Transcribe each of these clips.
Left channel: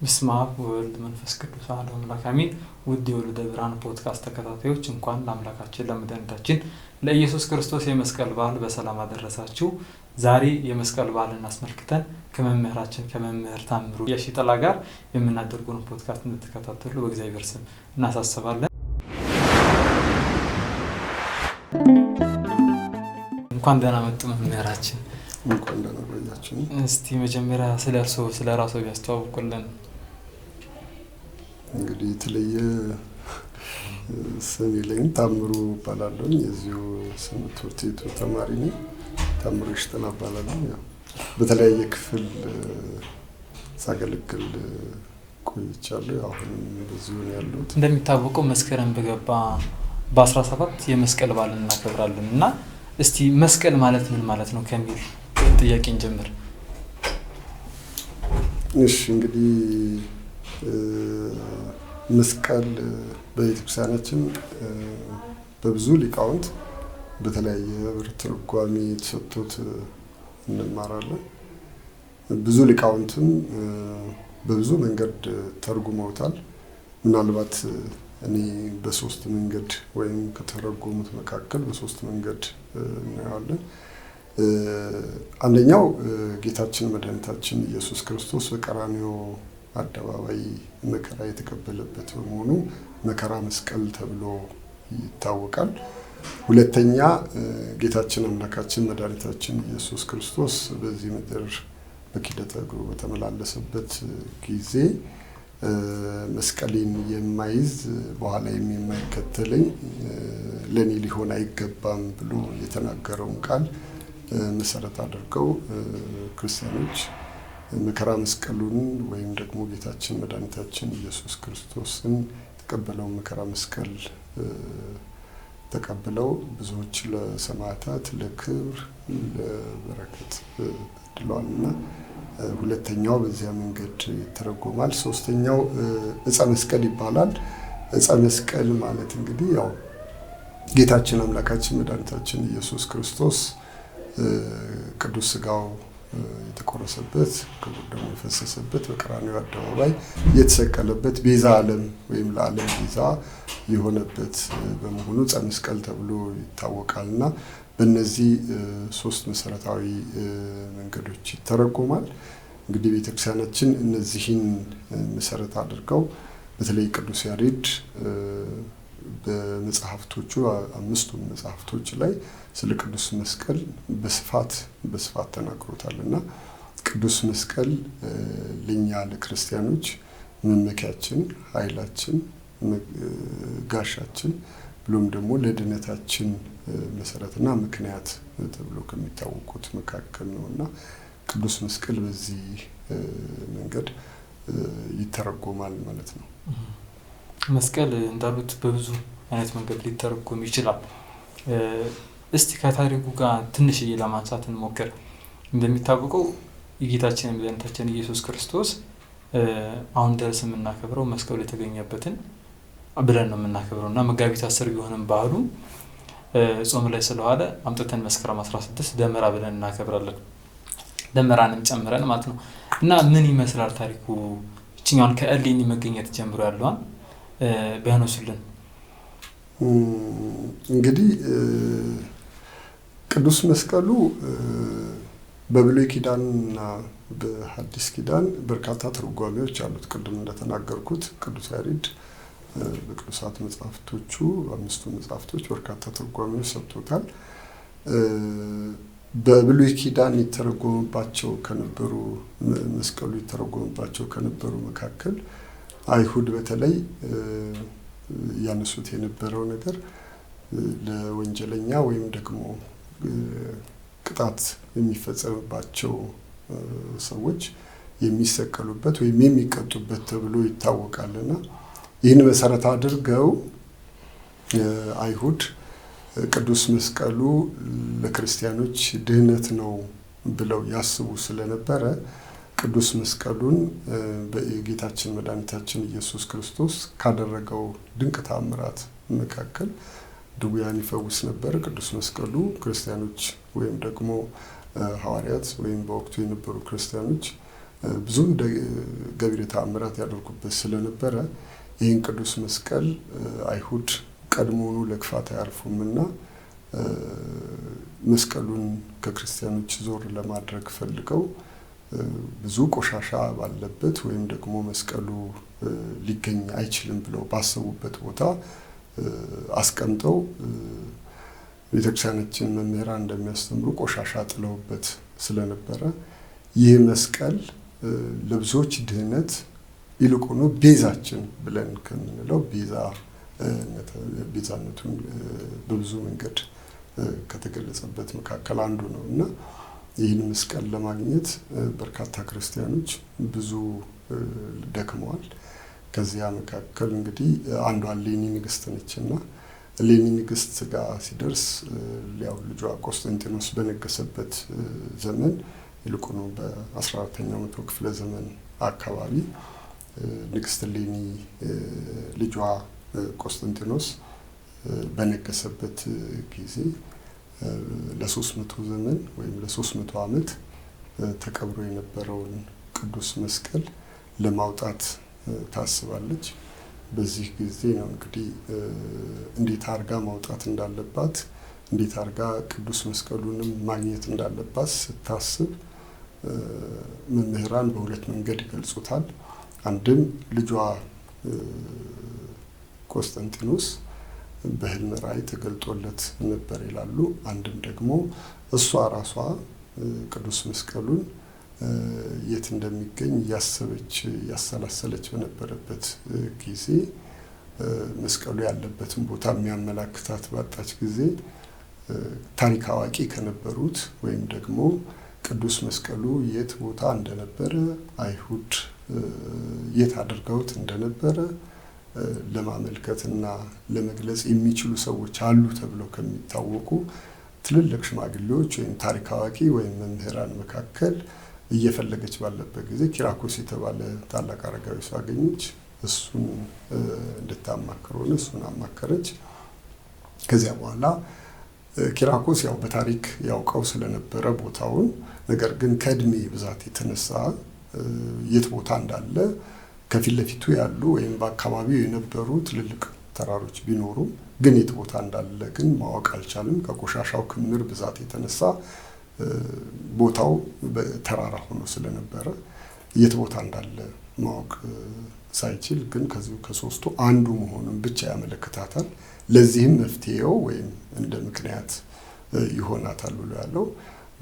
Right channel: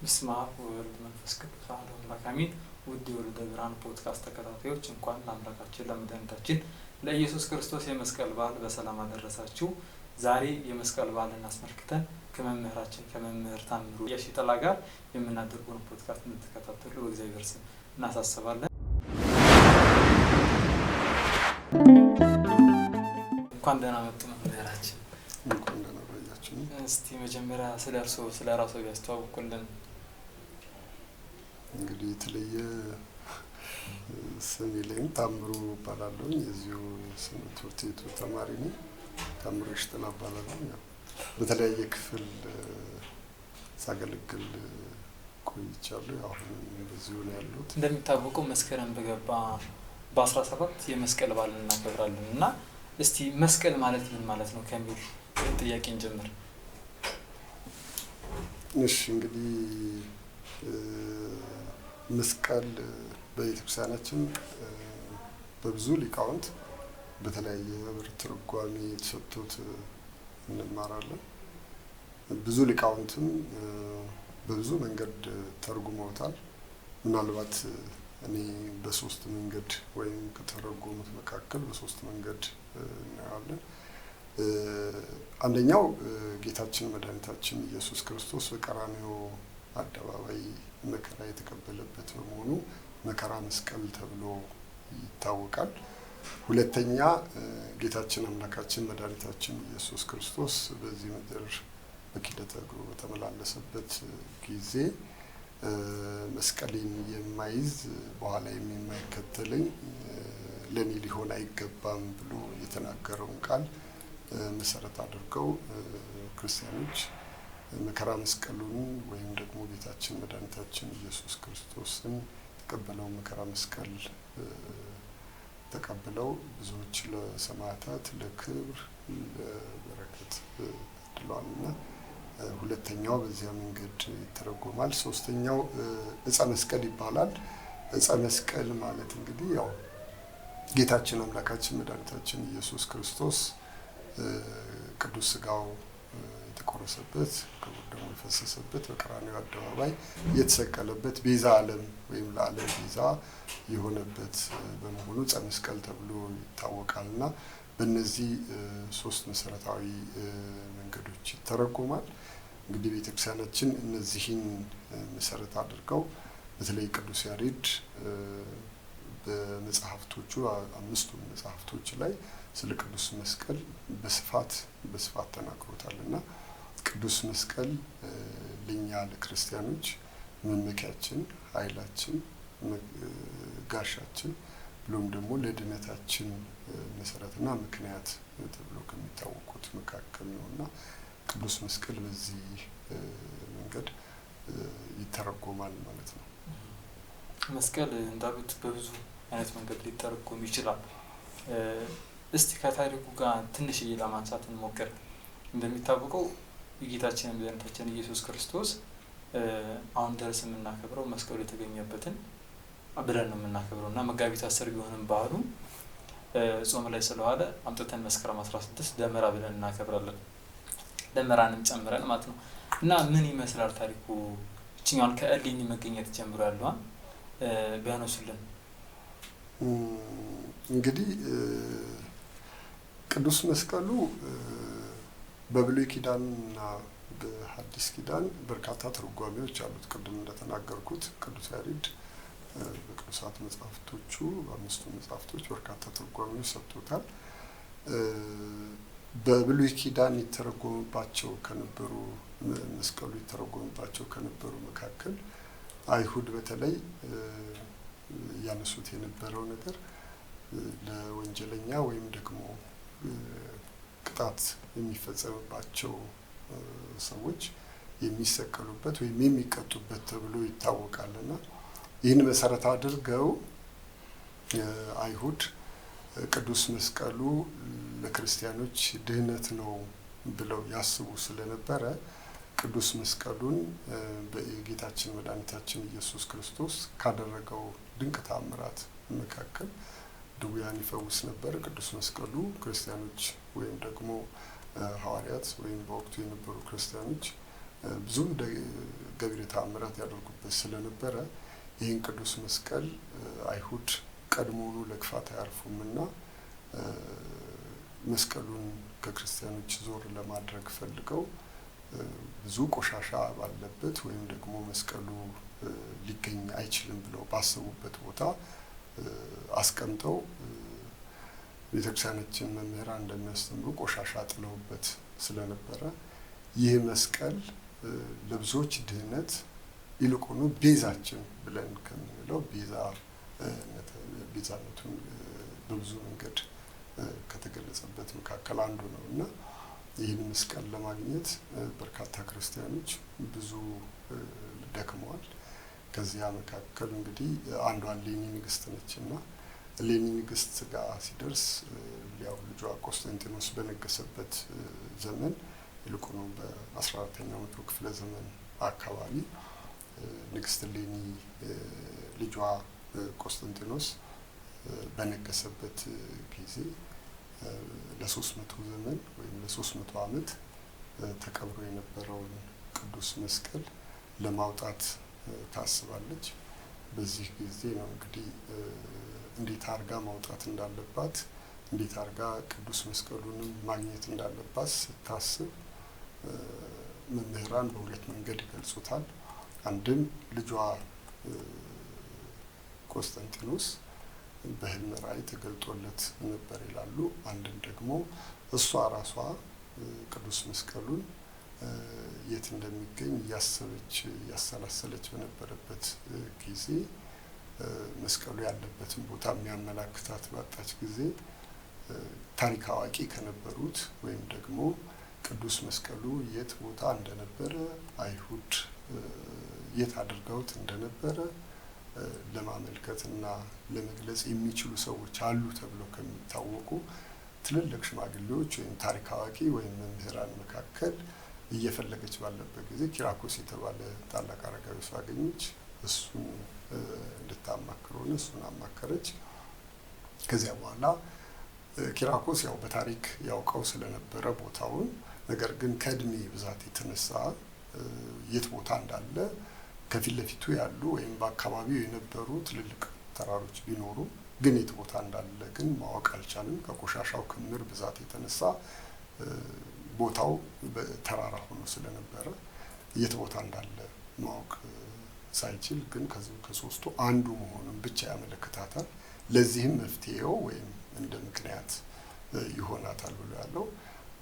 በስመ አብ ወወልድ ወመንፈስ ቅዱስ አሐዱ አምላክ አሜን። ውድ የወልደ ብርሃን ፖድካስት ተከታታዮች እንኳን ለአምላካችን ለመድኃኒታችን ለኢየሱስ ክርስቶስ የመስቀል በዓል በሰላም አደረሳችሁ። ዛሬ የመስቀል በዓልን አስመልክተን ከመምህር ታምሩ የሺጥላ ጋር የምናደርገውን ፖድካስት እንድትከታተሉ በእግዚአብሔር ስም እናሳስባለን። እንኳን ደህና መጡ መምህራችን። እንኳን ደህና ቆያችሁ። እስቲ መጀመሪያ ስለ ራስዎ ቢያስተዋውቁልን። እንግዲህ የተለየ ስም የለኝም። ታምሩ እባላለሁ። የዚሁ ትምህርት ቤቱ ተማሪ ነኝ። ታምሩ የሺጥላ እባላለሁ። ያው በተለያየ ክፍል ሳገለግል ቆይቻለሁ። አሁን በዚሁ ነው ያለሁት። እንደሚታወቀው መስከረም በገባ በ17 የመስቀል በዓል እናከብራለን እና እስቲ መስቀል ማለት ምን ማለት ነው ከሚል ጥያቄ እንጀምር። እሺ፣ እንግዲህ መስቀል በቤተክርስቲያናችን በብዙ ሊቃውንት በተለያየ ትርጓሜ ተሰጥቶት እንማራለን። ብዙ ሊቃውንትም በብዙ መንገድ ተርጉመውታል። ምናልባት እኔ በሶስት መንገድ ወይም ከተረጎሙት መካከል በሶስት መንገድ እናያለን። አንደኛው ጌታችን መድኃኒታችን ኢየሱስ ክርስቶስ በቀራንዮ አደባባይ መከራ የተቀበለበት በመሆኑ መከራ መስቀል ተብሎ ይታወቃል። ሁለተኛ ጌታችን አምላካችን መድኃኒታችን ኢየሱስ ክርስቶስ በዚህ ምድር በኪደተ እግሩ በተመላለሰበት ጊዜ መስቀሌን የማይዝ በኋላ የማይከተለኝ ለኔ ሊሆን አይገባም ብሎ የተናገረውን ቃል መሰረት አድርገው ክርስቲያኖች መከራ መስቀሉን ወይም ደግሞ ጌታችን መድኃኒታችን ኢየሱስ ክርስቶስን የተቀበለውን መከራ መስቀል ተቀብለው ብዙዎች ለሰማዕታት ለክብር ለበረከት ተድለዋልና ሁለተኛው በዚያ መንገድ ይተረጎማል። ሶስተኛው ዕፀ መስቀል ይባላል። ዕፀ መስቀል ማለት እንግዲህ ያው ጌታችን አምላካችን መድኃኒታችን ኢየሱስ ክርስቶስ ቅዱስ ሥጋው የተቆረሰበት ክቡር ደሙ የፈሰሰበት በቀራንዮ አደባባይ የተሰቀለበት ቤዛ ዓለም ወይም ለዓለም ቤዛ የሆነበት በመሆኑ ዕፀ መስቀል ተብሎ ይታወቃልና በእነዚህ ሶስት መሰረታዊ መንገዶች ይተረጎማል። እንግዲህ ቤተክርስቲያናችን እነዚህን መሰረት አድርገው በተለይ ቅዱስ ያሬድ በመጽሐፍቶቹ አምስቱም መጽሐፍቶች ላይ ስለ ቅዱስ መስቀል በስፋት ተናግሮታልና ቅዱስ መስቀል ለኛ ለክርስቲያኖች መመኪያችን፣ ኃይላችን፣ ጋሻችን ብሎም ደግሞ ለድነታችን መሰረትና ምክንያት ተብሎ ከሚታወቁት መካከል ነውና ቅዱስ መስቀል በዚህ መንገድ ይተረጎማል ማለት ነው። መስቀል እንዳሉት በብዙ አይነት መንገድ ሊተረጎም ይችላል። እስቲ ከታሪኩ ጋር ትንሽዬ ለማንሳት እንሞክር። እንደሚታወቀው የጌታችን መድኃኒታችን ኢየሱስ ክርስቶስ አሁን ድረስ የምናከብረው መስቀሉ የተገኘበትን ብለን ነው የምናከብረው እና መጋቢት 10 ቢሆንም በዓሉ ጾም ላይ ስለዋለ አምጥተን መስከረም 16 ደመራ ብለን እናከብራለን። ደመራንም ጨምረን ማለት ነው እና ምን ይመስላል ታሪኩ? እችኛውን ከእሌኒ መገኘት ጀምሮ ያለዋን ቢያነሱልን። እንግዲህ ቅዱስ መስቀሉ በብሉይ ኪዳንና በሐዲስ ኪዳን በርካታ ትርጓሜዎች አሉት። ቅድም እንደተናገርኩት ቅዱስ ያሬድ በቅዱሳት መጽሐፍቶቹ አምስቱ መጽሐፍቶች በርካታ ትርጓሜዎች ሰጥቶታል። በብሉይ ኪዳን ይተረጎምባቸው ከነበሩ መስቀሉ ይተረጎምባቸው ከነበሩ መካከል አይሁድ በተለይ ያነሱት የነበረው ነገር ለወንጀለኛ ወይም ደግሞ ቅጣት የሚፈጸምባቸው ሰዎች የሚሰቀሉበት ወይም የሚቀጡበት ተብሎ ይታወቃልና ይህን መሰረት አድርገው አይሁድ ቅዱስ መስቀሉ ለክርስቲያኖች ድህነት ነው ብለው ያስቡ ስለነበረ ቅዱስ መስቀሉን በጌታችን መድኃኒታችን ኢየሱስ ክርስቶስ ካደረገው ድንቅ ተአምራት መካከል ድውያን ይፈውስ ነበር። ቅዱስ መስቀሉ ክርስቲያኖች ወይም ደግሞ ሐዋርያት ወይም በወቅቱ የነበሩ ክርስቲያኖች ብዙ ገቢረ ተአምራት ያደርጉበት ስለነበረ ይህን ቅዱስ መስቀል አይሁድ ቀድሞውኑ ለክፋት አያርፉምና መስቀሉን ከክርስቲያኖች ዞር ለማድረግ ፈልገው ብዙ ቆሻሻ ባለበት ወይም ደግሞ መስቀሉ ሊገኝ አይችልም ብለው ባሰቡበት ቦታ አስቀምጠው ቤተክርስቲያናችን መምህራን እንደሚያስተምሩ ቆሻሻ ጥለውበት ስለነበረ ይህ መስቀል ለብዙዎች ድህነት ይልቁኑ ቤዛችን ብለን ከምንለው ቤዛነቱን በብዙ መንገድ ከተገለጸበት መካከል አንዱ ነው እና ይህን መስቀል ለማግኘት በርካታ ክርስቲያኖች ብዙ ደክመዋል። ከዚያ መካከል እንግዲህ አንዷ እሌኒ ንግስት ነችና እሌኒ ንግስት ጋር ሲደርስ ያው ልጇ ቆስጠንጢኖስ በነገሰበት ዘመን ይልቁኑ በ14ኛው መቶ ክፍለ ዘመን አካባቢ ንግስት እሌኒ ልጇ ቆስጠንጢኖስ በነገሰበት ጊዜ ለ300 ዘመን ወይም ለ300 ዓመት ተቀብሮ የነበረውን ቅዱስ መስቀል ለማውጣት ታስባለች። በዚህ ጊዜ ነው እንግዲህ እንዴት አርጋ ማውጣት እንዳለባት እንዴት አርጋ ቅዱስ መስቀሉንም ማግኘት እንዳለባት ስታስብ መምህራን በሁለት መንገድ ይገልጹታል። አንድም ልጇ ቆስጠንጢኖስ በህልም ራእይ ተገልጦለት ነበር ይላሉ። አንድም ደግሞ እሷ ራሷ ቅዱስ መስቀሉን የት እንደሚገኝ ያሰላሰለች በነበረበት ጊዜ መስቀሉ ያለበትን ቦታ የሚያመላክታት ባጣች ጊዜ ታሪክ አዋቂ ከነበሩት ወይም ደግሞ ቅዱስ መስቀሉ የት ቦታ እንደነበረ አይሁድ የት አድርገውት እንደነበረ ለማመልከትና ለመግለጽ የሚችሉ ሰዎች አሉ ተብለው ከሚታወቁ ትልልቅ ሽማግሌዎች ወይም ታሪክ አዋቂ ወይም መምህራን መካከል እየፈለገች ባለበት ጊዜ ኪራኮስ የተባለ ታላቅ አረጋዊ ሰው አገኘች። እሱን እንድታማክረው እሱን አማከረች። ከዚያ በኋላ ኪራኮስ ያው በታሪክ ያውቀው ስለነበረ ቦታውን፣ ነገር ግን ከእድሜ ብዛት የተነሳ የት ቦታ እንዳለ ከፊት ለፊቱ ያሉ ወይም በአካባቢው የነበሩ ትልልቅ ተራሮች ቢኖሩ ግን የት ቦታ እንዳለ ግን ማወቅ አልቻለም። ከቆሻሻው ክምር ብዛት የተነሳ ቦታው ተራራ ሆኖ ስለነበረ የት ቦታ እንዳለ ማወቅ ሳይችል ግን ከዚሁ ከሶስቱ አንዱ መሆኑን ብቻ ያመለክታታል። ለዚህም መፍትሄው ወይም እንደ ምክንያት ይሆናታል ብሎ ያለው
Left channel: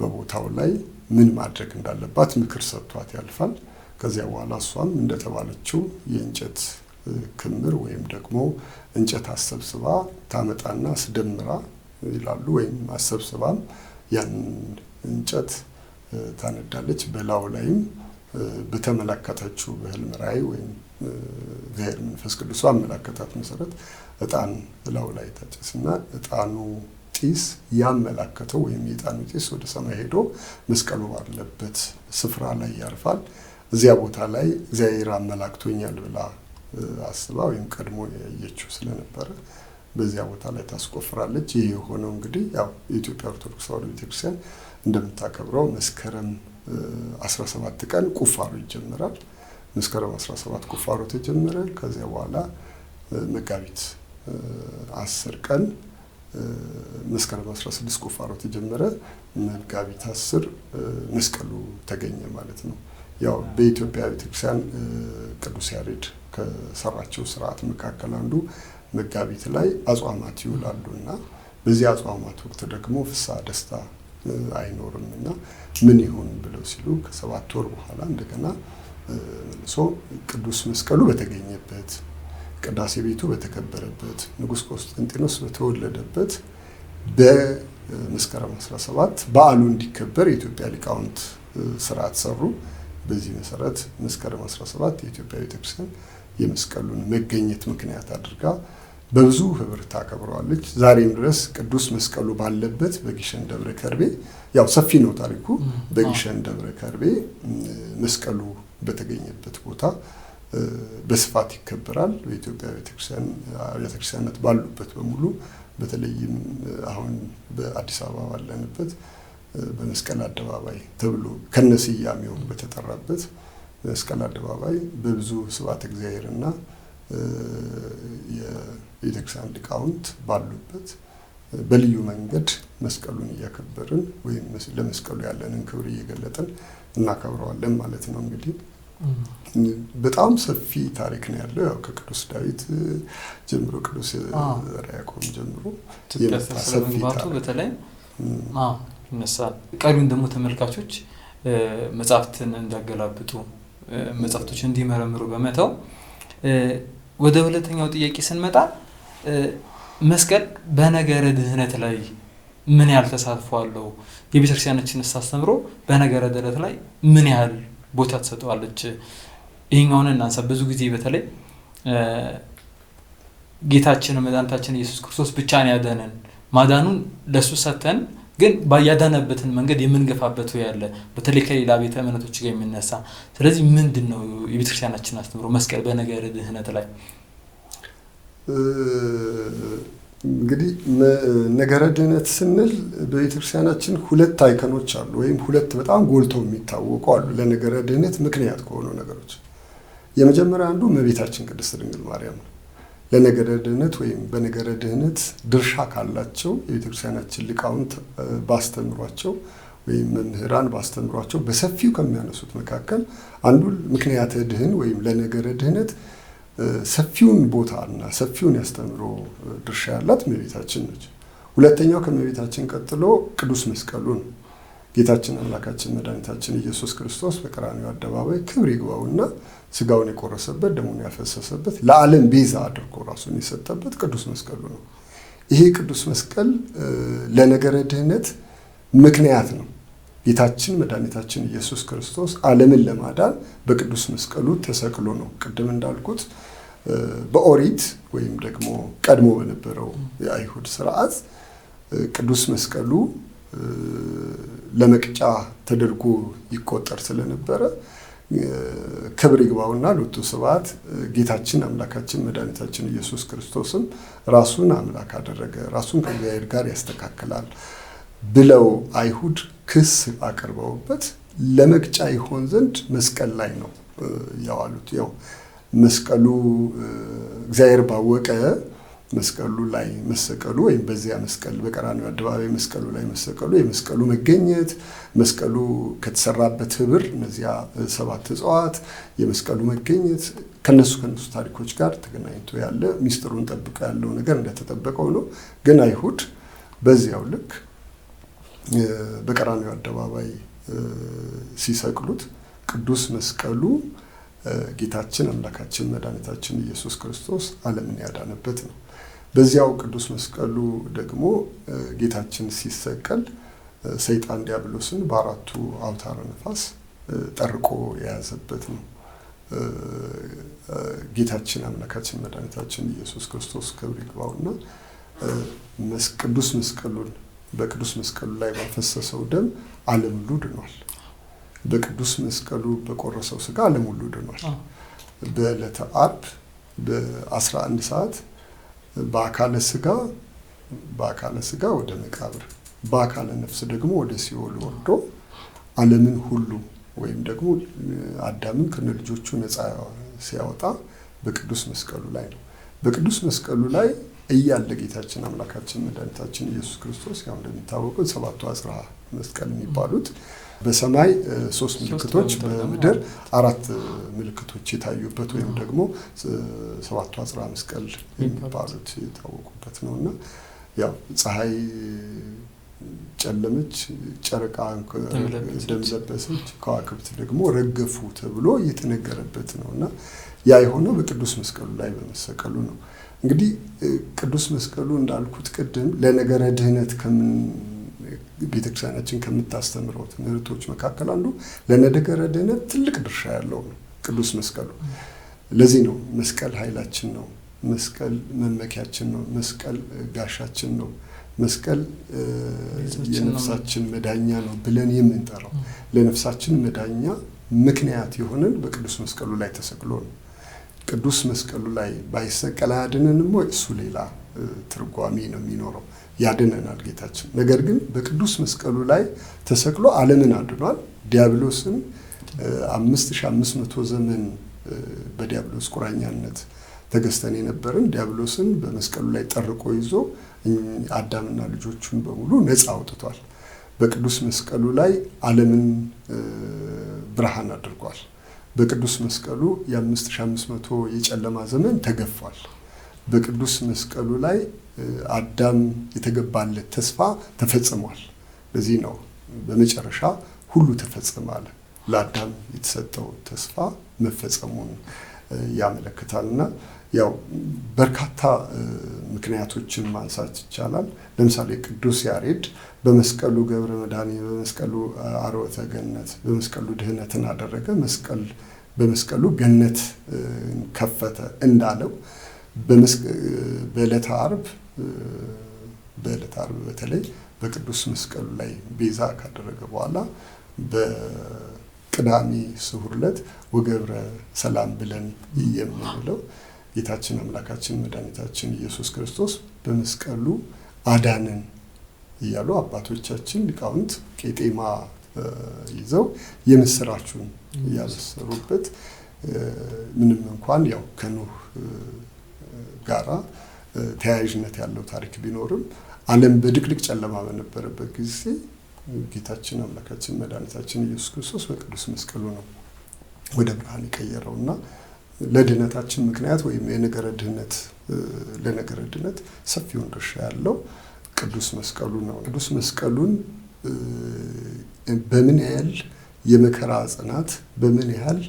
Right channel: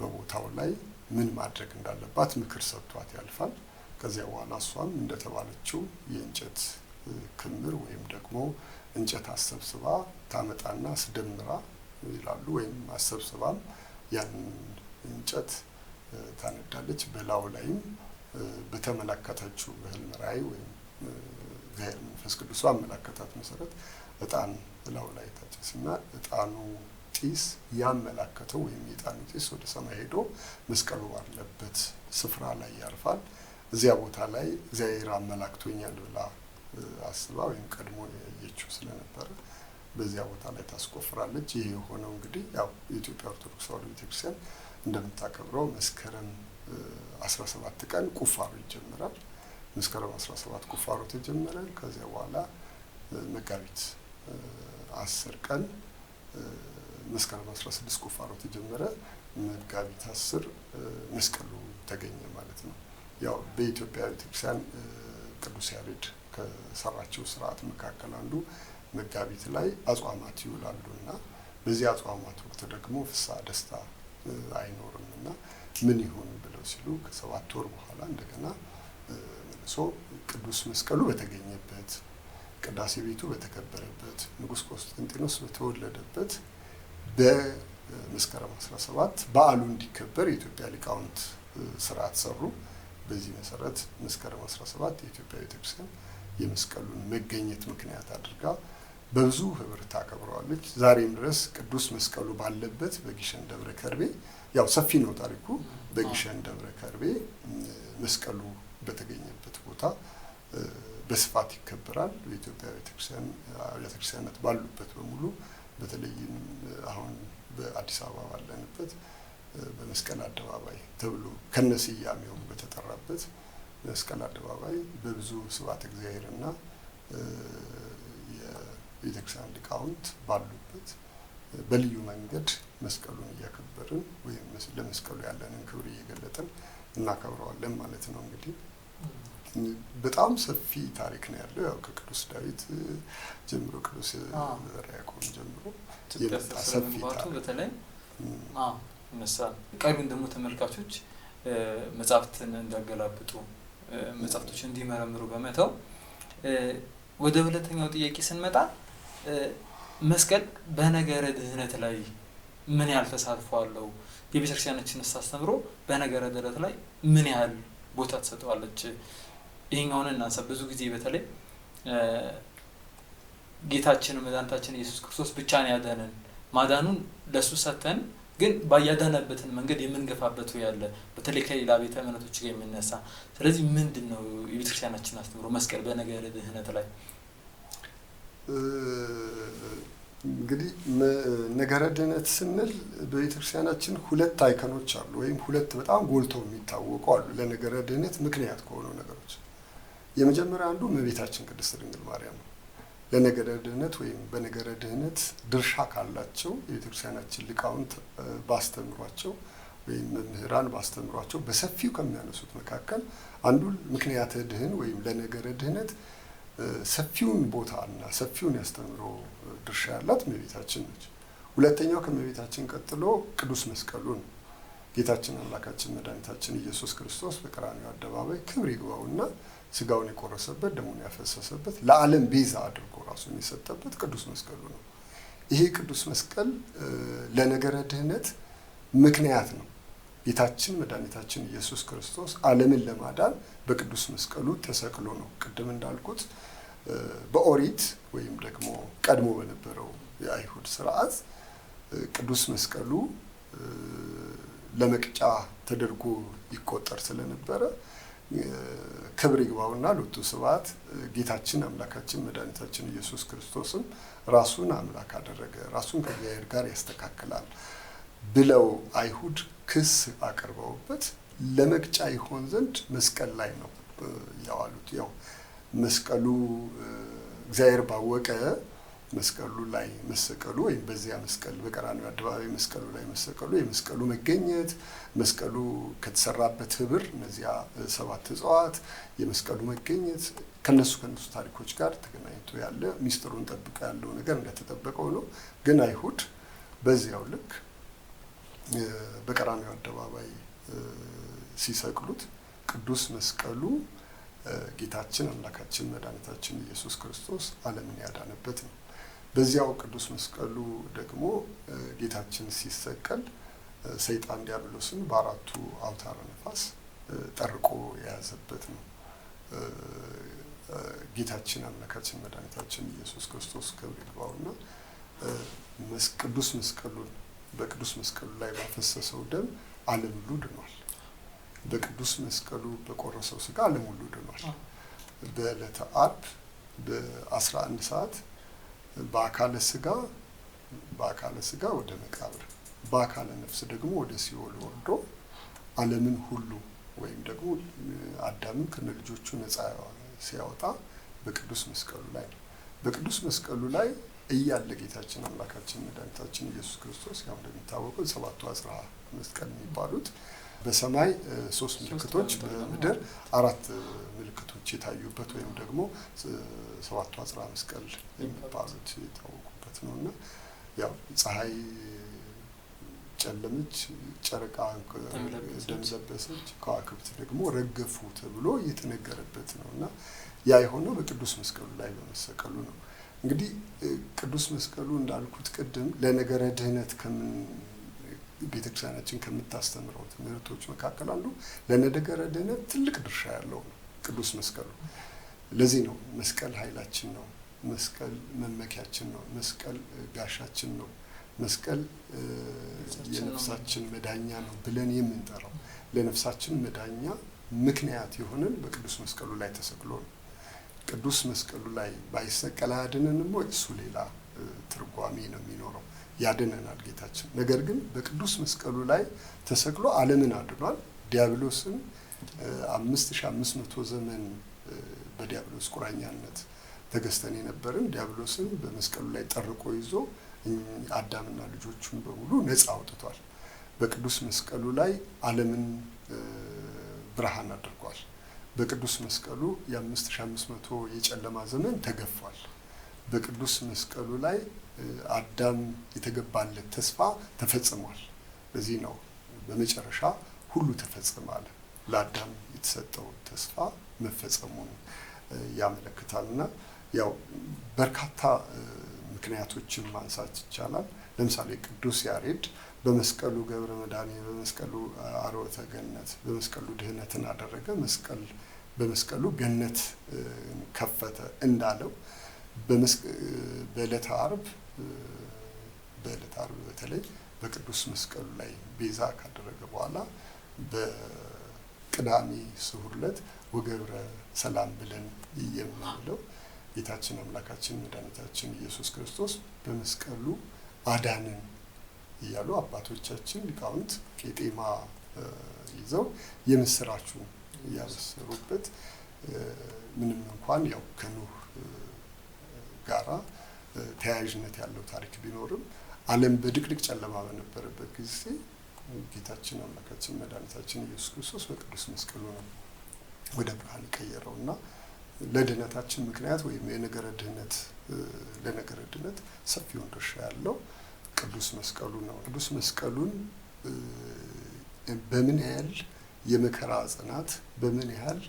በቦታው ላይ ምን ማድረግ እንዳለባት ምክር ሰጥቷት ያልፋል። ከዚያ በኋላ እሷም እንደተባለችው የእንጨት ክምር ወይም ደግሞ እንጨት አሰብስባ ታመጣና አስደምራ ይላሉ። ወይም አሰብስባም ያንን እንጨት ታነዳለች። በላዩ ላይም በተመለከተችው በህልም ራእይ ወይም እግዚአብሔር መንፈስ ቅዱስ አመላከታት መሰረት እጣን ላዩ ላይ ታጨስና እጣኑ ጢስ ያመላከተው ወይም የእጣኑ ጢስ ወደ ሰማይ ሄዶ መስቀሉ ባለበት ስፍራ ላይ ያርፋል። እዚያ ቦታ ላይ እግዚአብሔር አመላክቶኛል ብላ አስባ ወይም ቀድሞ ያየችው ስለነበረ በዚያ ቦታ ላይ ታስቆፍራለች። ይህ የሆነው እንግዲህ ያው የኢትዮጵያ ኦርቶዶክስ ተዋሕዶ ቤተክርስቲያን እንደምታከብረው መስከረም 17 ቀን ቁፋሮ ይጀምራል። መስከረም 17 ቁፋሮ ተጀመረ። ከዚያ በኋላ መጋቢት 10 ቀን መስከረም 16 ቁፋሮ ተጀመረ። መጋቢት 10 መስቀሉ ተገኘ ማለት ነው። ያው በኢትዮጵያ ቤተክርስቲያን ቅዱስ ያሬድ ከሰራቸው ስርዓት መካከል አንዱ መጋቢት ላይ አጽዋማት ይውላሉና በዚህ አጽዋማት ወቅት ደግሞ ፍስሐ ደስታ አይኖርምና ምን ይሁን ብለው ሲሉ ከ7 ወር በኋላ እንደገና መልሶ ቅዱስ መስቀሉ በተገኘበት ቅዳሴ ቤቱ በተከበረበት ንጉሥ ቆስጠንጢኖስ በተወለደበት በመስከረም 17 በዓሉ እንዲከበር የኢትዮጵያ ሊቃውንት ስርዓት ሰሩ። በዚህ መሰረት መስከረም 17 የኢትዮጵያ ቤተክርስቲያን የመስቀሉን መገኘት ምክንያት አድርጋ በብዙ ህብር ታከብረዋለች። ዛሬም ድረስ ቅዱስ መስቀሉ ባለበት በግሸን ደብረ ከርቤ ያው ሰፊ ነው ታሪኩ። በግሸን ደብረ ከርቤ መስቀሉ በተገኘበት ቦታ በስፋት ይከበራል። በኢትዮጵያ ቤተክርስቲያናት ባሉበት በሙሉ በተለይም አሁን በአዲስ አበባ ባለንበት በመስቀል አደባባይ ተብሎ ከነስያሜው በተጠራበት መስቀል አደባባይ በብዙ ስብሐተ እግዚአብሔርና የቤተክርስቲያን ሊቃውንት ባሉበት በልዩ መንገድ መስቀሉን እያከበርን ወይም ለመስቀሉ ያለንን ክብር እየገለጥን እናከብረዋለን ማለት ነው። እንግዲህ በጣም ሰፊ ታሪክ ነው ያለው። ያው ከቅዱስ ዳዊት ጀምሮ ቅዱስ ዘርዓ ያዕቆብ ጀምሮ የመጣ ሰፊ ታሪክ በተለይ ይነሳል። ቀሪውን ደግሞ ተመልካቾች መጽሐፍትን እንዲያገላብጡ መጽሐፍቶች እንዲመረምሩ በመተው ወደ ሁለተኛው ጥያቄ ስንመጣ መስቀል በነገረ ድህነት ላይ ምን ያህል ተሳትፎ አለው? የቤተክርስቲያናችን አስተምሮ በነገረ ድህነት ላይ ምን ያህል ቦታ ተሰጥቷለች? ይሄኛውን እናንሳ። ብዙ ጊዜ በተለይ ጌታችን መድኃኒታችን ኢየሱስ ክርስቶስ ብቻ ነው ያዳነን፣ ማዳኑን ለሱ ሰተን ግን ያዳነበትን መንገድ የምንገፋበት ያለ በተለይ ከሌላ ቤተ እምነቶች ጋር የሚነሳ። ስለዚህ ምንድነው የቤተክርስቲያናችን አስተምሮ መስቀል በነገረ ድህነት ላይ? እንግዲህ ነገረ ድህነት ስንል በቤተክርስቲያናችን ሁለት አይከኖች አሉ፣ ወይም ሁለት በጣም ጎልተው የሚታወቁ አሉ ለነገረ ድህነት ምክንያት ከሆኑ ነገሮች። የመጀመሪያ አንዱ እመቤታችን ቅድስት ድንግል ማርያም ነው። ለነገረ ድህነት ወይም በነገረ ድህነት ድርሻ ካላቸው የቤተክርስቲያናችን ሊቃውንት ባስተምሯቸው ወይም መምህራን ባስተምሯቸው በሰፊው ከሚያነሱት መካከል አንዱ ምክንያተ ድህን ወይም ለነገረ ድህነት ሰፊውን ቦታና ሰፊውን ያስተምሮ ድርሻ ያላት እመቤታችን ነች። ሁለተኛው ከእመቤታችን ቀጥሎ ቅዱስ መስቀሉ ነው። ጌታችን አምላካችን መድኃኒታችን ኢየሱስ ክርስቶስ በቀራንዮ አደባባይ ክብር ይግባውና ስጋውን የቆረሰበት ደሙን ያፈሰሰበት ለዓለም ቤዛ አድርጎ ራሱን የሰጠበት ቅዱስ መስቀሉ ነው። ይሄ ቅዱስ መስቀል ለነገረ ድህነት ምክንያት ነው። ጌታችን መድኃኒታችን ኢየሱስ ክርስቶስ ዓለምን ለማዳን በቅዱስ መስቀሉ ተሰቅሎ ነው። ቅድም እንዳልኩት በኦሪት ወይም ደግሞ ቀድሞ በነበረው የአይሁድ ስርዓት ቅዱስ መስቀሉ ለመቅጫ ተደርጎ ይቆጠር ስለነበረ ክብር ይግባውና ሎቱ ስብሐት ጌታችን አምላካችን መድኃኒታችን ኢየሱስ ክርስቶስም ራሱን አምላክ አደረገ፣ ራሱን ከእግዚአብሔር ጋር ያስተካክላል ብለው አይሁድ ክስ አቀርበውበት ለመቅጫ ይሆን ዘንድ መስቀል ላይ ነው ያዋሉት። ያው መስቀሉ እግዚአብሔር ባወቀ መስቀሉ ላይ መሰቀሉ ወይም በዚያ መስቀል በቀራንዮ አደባባይ መስቀሉ ላይ መሰቀሉ የመስቀሉ መገኘት መስቀሉ ከተሰራበት ህብር እነዚያ 7 እጽዋት የመስቀሉ መገኘት ከነሱ ታሪኮች ጋር ተገናኝቶ ያለ ሚስጥሩን ጠብቆ ያለው ነገር እንደተጠበቀው ነው። ግን አይሁድ በዚያው ልክ በቀራንዮ አደባባይ ሲሰቅሉት ቅዱስ መስቀሉ ጌታችን አምላካችን መድኃኒታችን ኢየሱስ ክርስቶስ ዓለምን ያዳነበት ነው። በዚያው ቅዱስ መስቀሉ ደግሞ ጌታችን ሲሰቀል ሰይጣን ዲያብሎስን በአራቱ አውታረ ነፋስ ጠርቆ የያዘበት ነው። ጌታችን አምላካችን መድኃኒታችን ኢየሱስ ክርስቶስ ክብር ይግባውና ቅዱስ መስቀሉን በቅዱስ መስቀሉ ላይ ባፈሰሰው ደም ዓለም ሁሉ ድኗል። በቅዱስ መስቀሉ በቆረሰው ስጋ ዓለም ሁሉ ድኗል። በዕለተ ዓርብ በ11 ሰዓት በአካለ ስጋ ወደ መቃብር በአካለ ነፍስ ደግሞ ወደ ሲኦል ወርዶ ዓለምን ሁሉ ወይም ደግሞ አዳምን ከነልጆቹ ነፃ ሲያወጣ በቅዱስ መስቀሉ ላይ ነው። በቅዱስ መስቀሉ ላይ እያለ ጌታችን አምላካችን መድኃኒታችን ኢየሱስ ክርስቶስ ያው እንደሚታወቀው 7ቱ አጽራ መስቀል የሚባሉት በሰማይ 3 ምልክቶች በምድር 4 ምልክቶች የታዩበት ወይም ደግሞ 7ቱ አጽራ መስቀል የሚባሉት የታወቁበት ነውና ያው ፀሐይ ጨለመች፣ ጨረቃ ደም ለበሰች፣ ከዋክብት ደግሞ ረገፉ ተብሎ የተነገረበት ነውና ያ የሆነው በቅዱስ መስቀሉ ላይ በመሰቀሉ ነው። እንግዲህ ቅዱስ መስቀሉ እንዳልኩት ቅድም ለነገረ ድህነት ቤተክርስቲያናችን ከምታስተምረው ትምህርቶች መካከል አንዱ ለነገረ ድህነት ትልቅ ድርሻ ያለው ነው ቅዱስ መስቀሉ። ለዚህ ነው መስቀል ኃይላችን ነው፣ መስቀል መመኪያችን ነው፣ መስቀል ጋሻችን ነው፣ መስቀል የነፍሳችን መዳኛ ነው ብለን የምንጠራው። ለነፍሳችን መዳኛ ምክንያት የሆነን በቅዱስ መስቀሉ ላይ ተሰቅሎ ነው። ቅዱስ መስቀሉ ላይ ባይሰቀል አያድነንም ወይ? እሱ ሌላ ትርጓሜ ነው የሚኖረው። ያድነናል ጌታችን። ነገር ግን በቅዱስ መስቀሉ ላይ ተሰቅሎ ዓለምን አድኗል። ዲያብሎስን 5500 ዘመን በዲያብሎስ ቁራኛነት ተገዝተን የነበርን ዲያብሎስን በመስቀሉ ላይ ጠርቆ ይዞ አዳምና ልጆቹን በሙሉ ነፃ አውጥቷል። በቅዱስ መስቀሉ ላይ ዓለምን ብርሃን አድርጓል። በቅዱስ መስቀሉ የ5500 የጨለማ ዘመን ተገፏል። በቅዱስ መስቀሉ ላይ አዳም የተገባለት ተስፋ ተፈጽሟል። ለዚህ ነው በመጨረሻ ሁሉ ተፈጸመ አለ። ለአዳም የተሰጠው ተስፋ መፈጸሙን ያመለክታልና ያው በርካታ ምክንያቶችን ማንሳት ይቻላል። ለምሳሌ ቅዱስ ያሬድ በመስቀሉ ገብረ መድኃኒት፣ በመስቀሉ አርወተ ገነት፣ በመስቀሉ ድህነትን አደረገ፣ በመስቀሉ ገነት ከፈተ እንዳለው በዕለተ ዓርብ በተለይ በቅዱስ መስቀሉ ላይ ቤዛ ካደረገ በኋላ በቅዳሜ ስዑር ዕለት ወገብረ ሰላም ብለን የምንለው ጌታችን አምላካችን መድኃኒታችን ኢየሱስ ክርስቶስ በመስቀሉ አዳነን እያሉ አባቶቻችን ሊቃውንት ቄጤማ ይዘው የምስራቹን ያበሰሩበት ምንም እንኳን ያው ከኖህ ጋራ ተያያዥነት ያለው ታሪክ ቢኖርም ዓለም በድቅድቅ ጨለማ በነበረበት ጊዜ ጌታችን አምላካችን መድኃኒታችን ኢየሱስ ክርስቶስ በቅዱስ መስቀሉ ነው ወደ ብርሃን የቀየረውና ለድህነታችን ምክንያት ወይም ለነገረ ድህነት ሰፊውን ድርሻ ያለው ቅዱስ መስቀሉ ነው። ቅዱስ መስቀሉን በምን ያህል የመከራ ጽናት በምን ያህል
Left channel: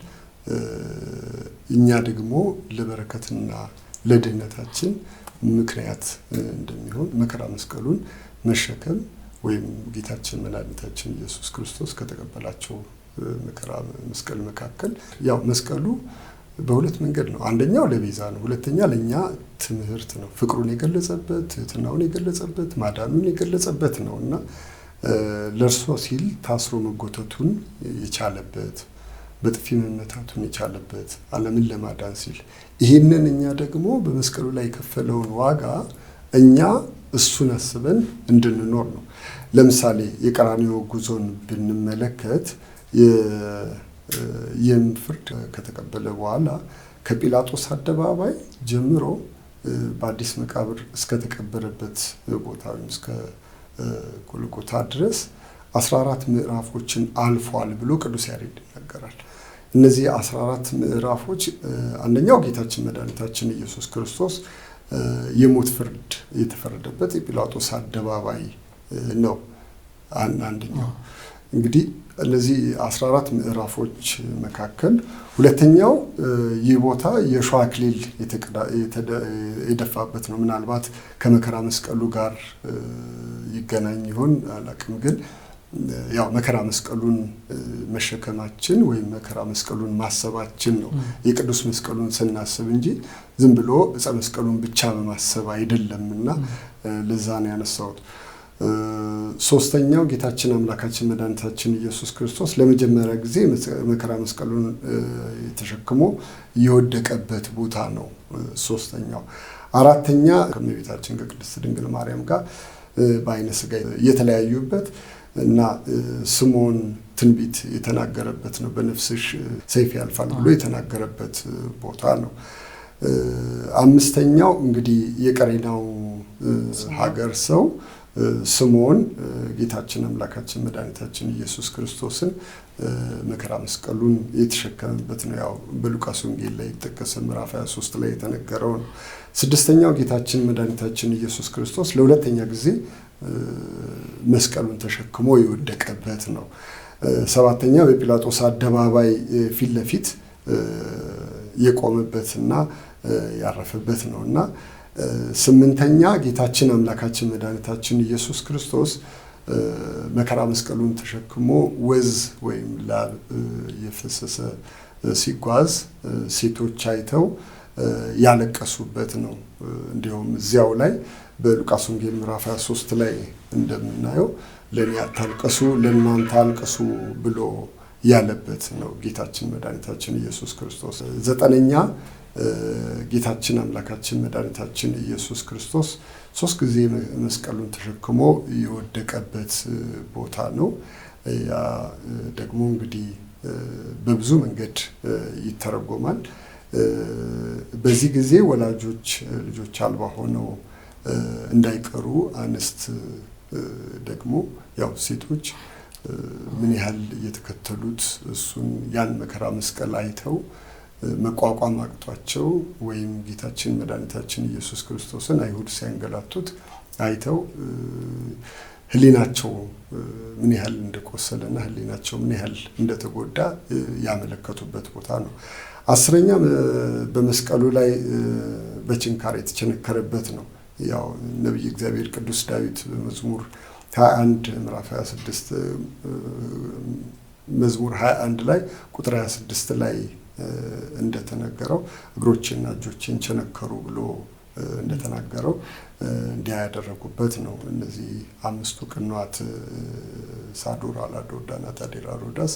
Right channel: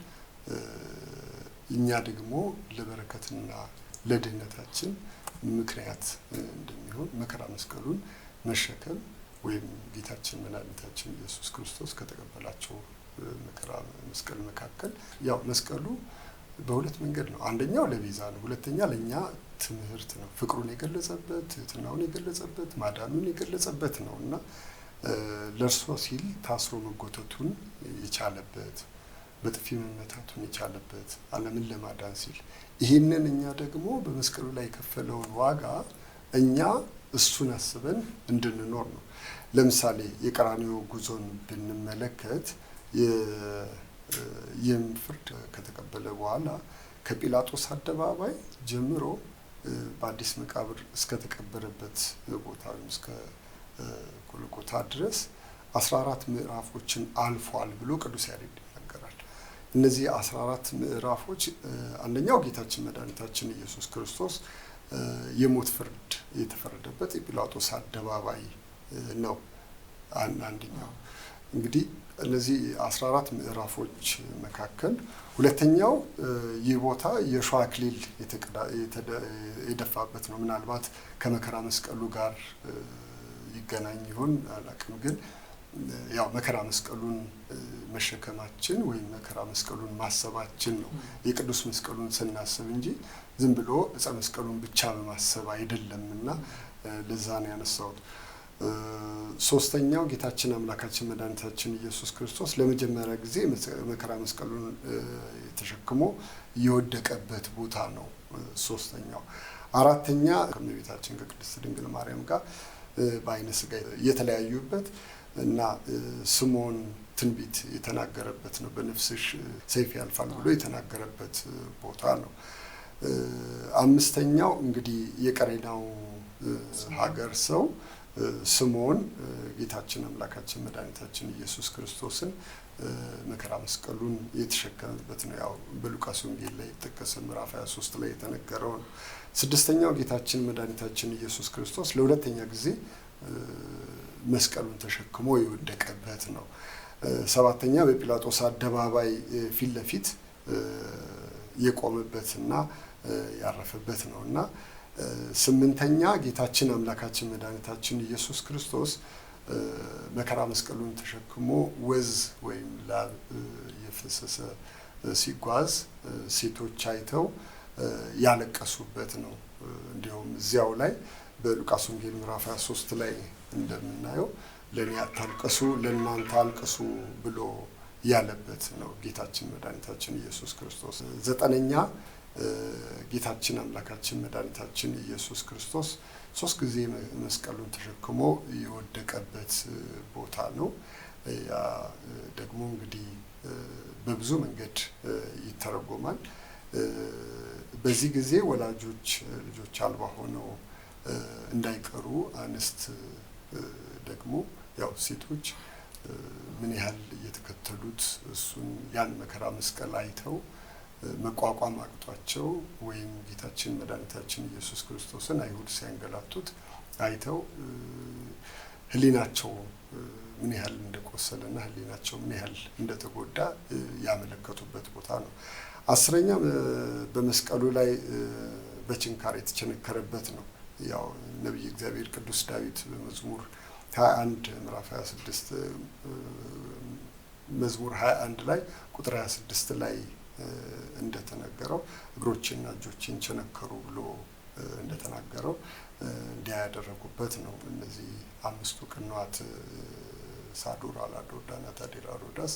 እኛ ደግሞ ለበረከትና ለድህነታችን ምክንያት እንደሚሆን መከራ መስቀሉን መሸከም ወይም ጌታችን መድኃኒታችን ኢየሱስ ክርስቶስ ከተቀበላቸው መከራ መስቀል መካከል ያው መስቀሉ በሁለት መንገድ ነው። አንደኛው ለቤዛ ነው፣ ሁለተኛ ለኛ ትምህርት ነው። ፍቅሩን የገለጸበት፣ ትህትናውን የገለጸበት፣ ማዳኑን የገለጸበት ነውና ለእርሱ ሲል ታስሮ መጎተቱን የቻለበት፣ በጥፊ መመታቱን የቻለበት ዓለምን ለማዳን ሲል ይህንን እኛ ደግሞ በመስቀሉ ላይ የከፈለውን ዋጋ እኛ እሱን አስበን እንድንኖር ነው። ለምሳሌ የቀራንዮ ጉዞን ብንመለከት ይህም ፍርድ ከተቀበለ በኋላ ከጲላጦስ አደባባይ ጀምሮ በአዲስ መቃብር እስከተቀበረበት ቦታ ወይም እስከ ጎልጎታ ድረስ 14 ምዕራፎችን አልፏል ብሎ ቅዱስ ያሬድ ይናገራል። እነዚህ 14 ምዕራፎች አንደኛው ጌታችን መድኃኒታችን ኢየሱስ ክርስቶስ የሞት ፍርድ የተፈረደበት የጲላጦስ አደባባይ ነው። አንደኛው እንግዲህ እነዚህ 14 ምዕራፎች መካከል ሁለተኛው ይህ ቦታ የሾህ አክሊል የደፋበት ነው። ምናልባት ከመከራ መስቀሉ ጋር ይገናኝ ይሆን አላውቅም፣ ግን ያው መከራ መስቀሉን መሸከማችን ወይም መከራ መስቀሉን ማሰባችን ነው የቅዱስ መስቀሉን ስናስብ እንጂ ዝም ብሎ ዕፀ መስቀሉን ብቻ በማሰብ አይደለምና ለዛ ነው ያነሳሁት። ሶስተኛው ጌታችን አምላካችን መድኃኒታችን ኢየሱስ ክርስቶስ ለመጀመሪያ ጊዜ መከራ መስቀሉን ተሸክሞ የወደቀበት ቦታ ነው ሶስተኛው። አራተኛ ከእመቤታችን ከቅድስት ድንግል ማርያም ጋር በዓይነ ሥጋ የተለያዩበት እና ስምዖን ትንቢት የተናገረበት ነው። በነፍስሽ ሰይፍ ያልፋል ብሎ የተናገረበት ቦታ ነው። አምስተኛው እንግዲህ የቀሬናው ሀገር ሰው ስምዖን ጌታችን አምላካችን መድኃኒታችን ኢየሱስ ክርስቶስን መከራ መስቀሉን የተሸከመበት ነው። ያው በሉቃስ ወንጌል ላይ የተጠቀሰ ምዕራፍ 23 ላይ የተነገረው ነው። ስድስተኛው ጌታችን መድኃኒታችን ኢየሱስ ክርስቶስ ለሁለተኛ ጊዜ መስቀሉን ተሸክሞ የወደቀበት ነው። ሰባተኛ በጲላጦስ አደባባይ ፊት ለፊት የቆመበትና ያረፈበት ነውና ስምንተኛ ጌታችን አምላካችን መድኃኒታችን ኢየሱስ ክርስቶስ መከራ መስቀሉን ተሸክሞ ወዝ ወይም ላብ የፈሰሰ ሲጓዝ ሴቶች አይተው ያለቀሱበት ነው። እንዲሁም እዚያው ላይ በሉቃስ ወንጌል ምዕራፍ 23 ላይ እንደምናየው ለእኔ አታልቅሱ ለእናንተ አልቅሱ ብሎ ያለበት ነው ጌታችን መድኃኒታችን ኢየሱስ ክርስቶስ። ዘጠነኛ ጌታችን አምላካችን መድኃኒታችን ኢየሱስ ክርስቶስ 3 ጊዜ መስቀሉን ተሸክሞ የወደቀበት ቦታ ነው። ያ ደግሞ እንግዲህ በብዙ መንገድ ይተረጎማል። በዚህ ጊዜ ወላጆች ልጆች አልባ ሆነው እንዳይቀሩ አንስት ደግሞ ያው ሴቶች ምን ያህል እየተከተሉት እሱን ያን መከራ መስቀል አይተው መቋቋም አቅቷቸው ወይም ጌታችን መድኃኒታችን ኢየሱስ ክርስቶስን አይሁድ ሲያንገላቱት አይተው ህሊናቸው ምን ያህል እንደቆሰለና ህሊናቸው ምን ያህል እንደተጎዳ ያመለከቱበት ቦታ ነው። 10ኛ በመስቀሉ ላይ በችንካር የተቸነከረበት ነው። ያው ነብይ እግዚአብሔር ቅዱስ ዳዊት በመዝሙር 21 ምዕራፍ 26 መዝሙር 21 ላይ ቁጥር 26 ላይ እንደተነገረው እግሮችና እጆችን ቸነከሩ ብሎ እንደተናገረው እንዲያ ያደረጉበት ነው። እነዚህ 5ቱ ቅንዋት ሳዶር፣ አላዶር፣ ዳናት፣ አዴራ፣ ሮዳስ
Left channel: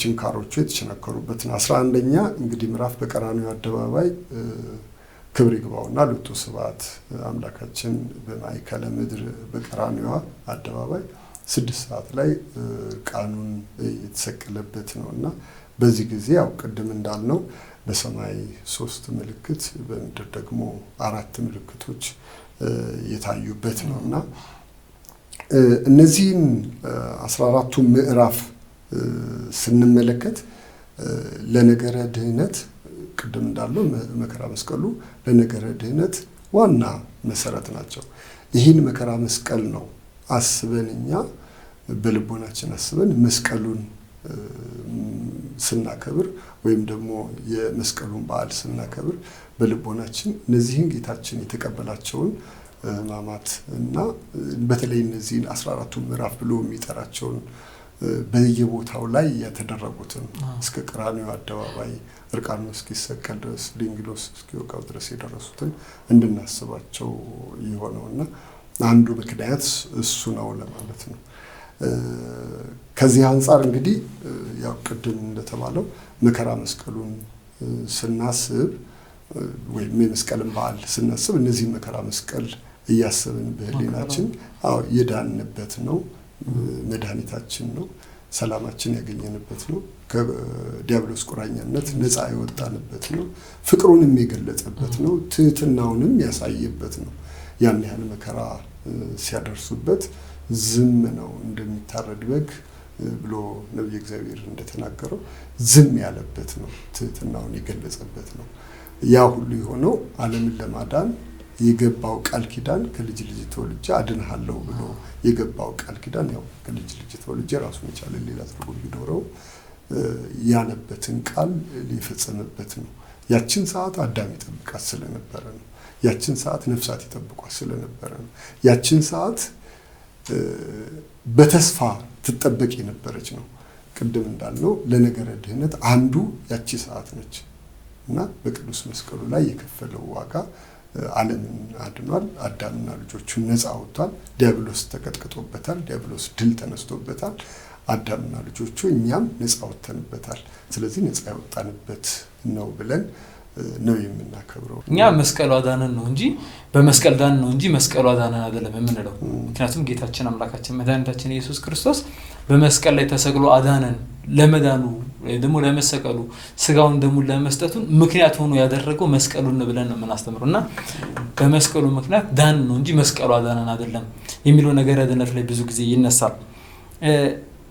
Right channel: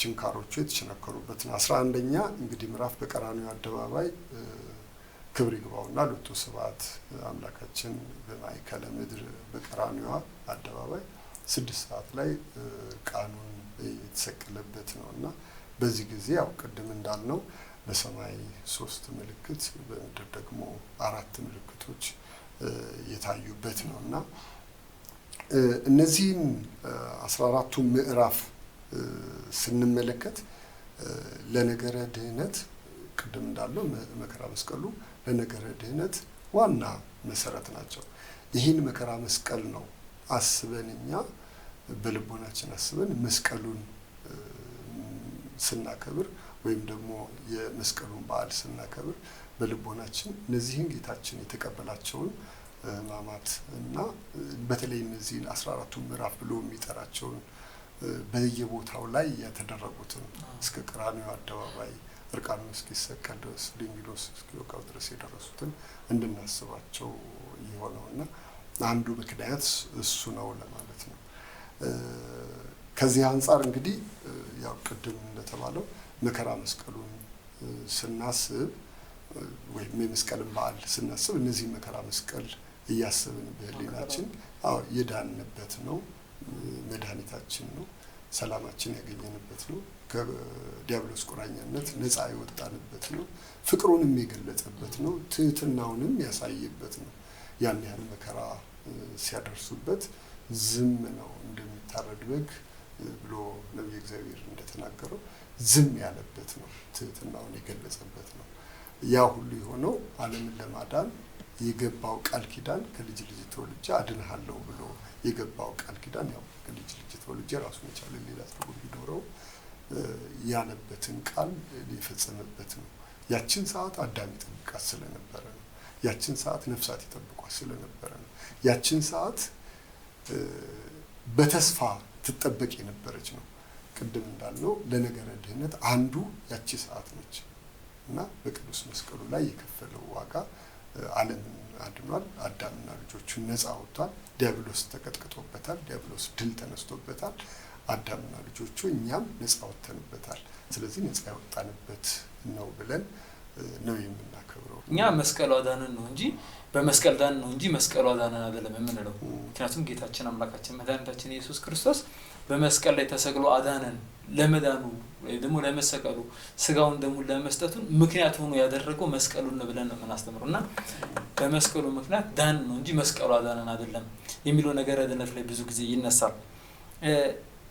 ችንካሮቹ የተቸነከሩበት ነው። 11ኛ እንግዲህ ምዕራፍ በቀራንዮ አደባባይ ክብር ይግባውና ሎቱ ስብሐት አምላካችን በማዕከለ ምድር በቀራንዮ አደባባይ 6 ሰዓት ላይ ቃኑን የተሰቀለበት ነውና በዚህ ጊዜ ያው ቅድም እንዳልነው በሰማይ 3 ምልክት በምድር ደግሞ 4 ምልክቶች የታዩበት ነውና እነዚህን 14ቱ ምዕራፍ ስንመለከት ለነገረ ድህነት ቅድም እንዳለው መከራ መስቀሉ ለነገረ ድህነት ዋና መሰረት ናቸው። ይህን መከራ መስቀል ነው አስበን እኛ በልቦናችን አስበን መስቀሉን ስናከብር ወይም ደግሞ የመስቀሉን በዓል ስናከብር በልቦናችን እነዚህን ጌታችን የተቀበላቸውን ሕማማት እና በተለይ እነዚህን 14ቱ ምዕራፍ ብሎ የሚጠራቸውን በየቦታው ላይ የተደረጉትን እስከ ቀራንዮ አደባባይ እርቃኑን እስኪሰቀል ድረስ ድንግሎስ እስኪወቃው ድረስ የደረሱትን እንድናስባቸው የሆነውና አንዱ ምክንያት እሱ ነው ለማለት ነው። ከዚህ አንፃር እንግዲህ ያው ቅድም እንደተባለው መከራ መስቀሉን ስናስብ ወይም የመስቀልን በዓል ስናስብ እነዚህ መከራ መስቀል እያሰብን በህሊናችን የዳንበት ነው፣ መድኃኒታችን ነው፣ ሰላማችን ያገኘንበት ነው፣ ከዲያብሎስ ቁራኛነት ነፃ የወጣንበት ነው፣ ፍቅሩንም የገለጸበት ነው፣ ትህትናውንም ያሳየበት ነው። ያን ያህል መከራ ሲያደርሱበት ዝም ነው እንደሚታረድ በግ ብሎ ነብይ እግዚአብሔር እንደተናገረው ዝም ያለበት ነው፣ ትህትናውን የገለጸበት ነው። ያ ሁሉ የሆነው ዓለምን ለማዳን የገባው ቃል ኪዳን ከልጅ ልጅ ተወልጄ አድንሃለሁ ብሎ የገባው ቃል ኪዳን ያው ከልጅ ልጅ ተወልጄ ራሱን የቻለ ሌላ ትርጉም ቢኖረው ያለበትን ቃል ሊፈጸምበት ነው። ያችን ሰዓት አዳም ይጠብቃት ስለነበረ ነው። ያችን ሰዓት ነፍሳት ይጠብቋት ስለነበረ ነው። ያችን ሰዓት በተስፋ ትጠበቅ የነበረች ነው። ቅድም እንዳልነው ለነገረ ድህነት አንዱ ያቺ ሰዓት ነች እና በቅዱስ መስቀሉ ላይ የከፈለው ዋጋ ዓለምን አድኗል። አዳምና ልጆቹን ነፃ አውጥቷል። ዲያብሎስ ተቀጥቅጦበታል። ዲያብሎስ ድል ተነስቶበታል። አዳምና ልጆቹ እኛም ነፃ ወጥተንበታል። ስለዚህ ነፃ ያወጣንበት ነው ብለን ነው የምናከብረው። እኛ መስቀሉ አዳነን ነው እንጂ በመስቀል ዳን ነው እንጂ መስቀሉ አዳነን አይደለም የምንለው። ምክንያቱም ጌታችን አምላካችን መድኃኒታችን ኢየሱስ ክርስቶስ በመስቀል ላይ ተሰቅሎ አዳነን። ለመዳኑ ደግሞ ለመሰቀሉ ስጋውን ደሙ ለመስጠቱ ምክንያት ሆኖ ያደረገው መስቀሉን ነው ብለን ነው የምናስተምረው እና በመስቀሉ ምክንያት ዳን ነው እንጂ መስቀሉ አዳነን አይደለም የሚለው ነገር ድነት ላይ ብዙ ጊዜ ይነሳል።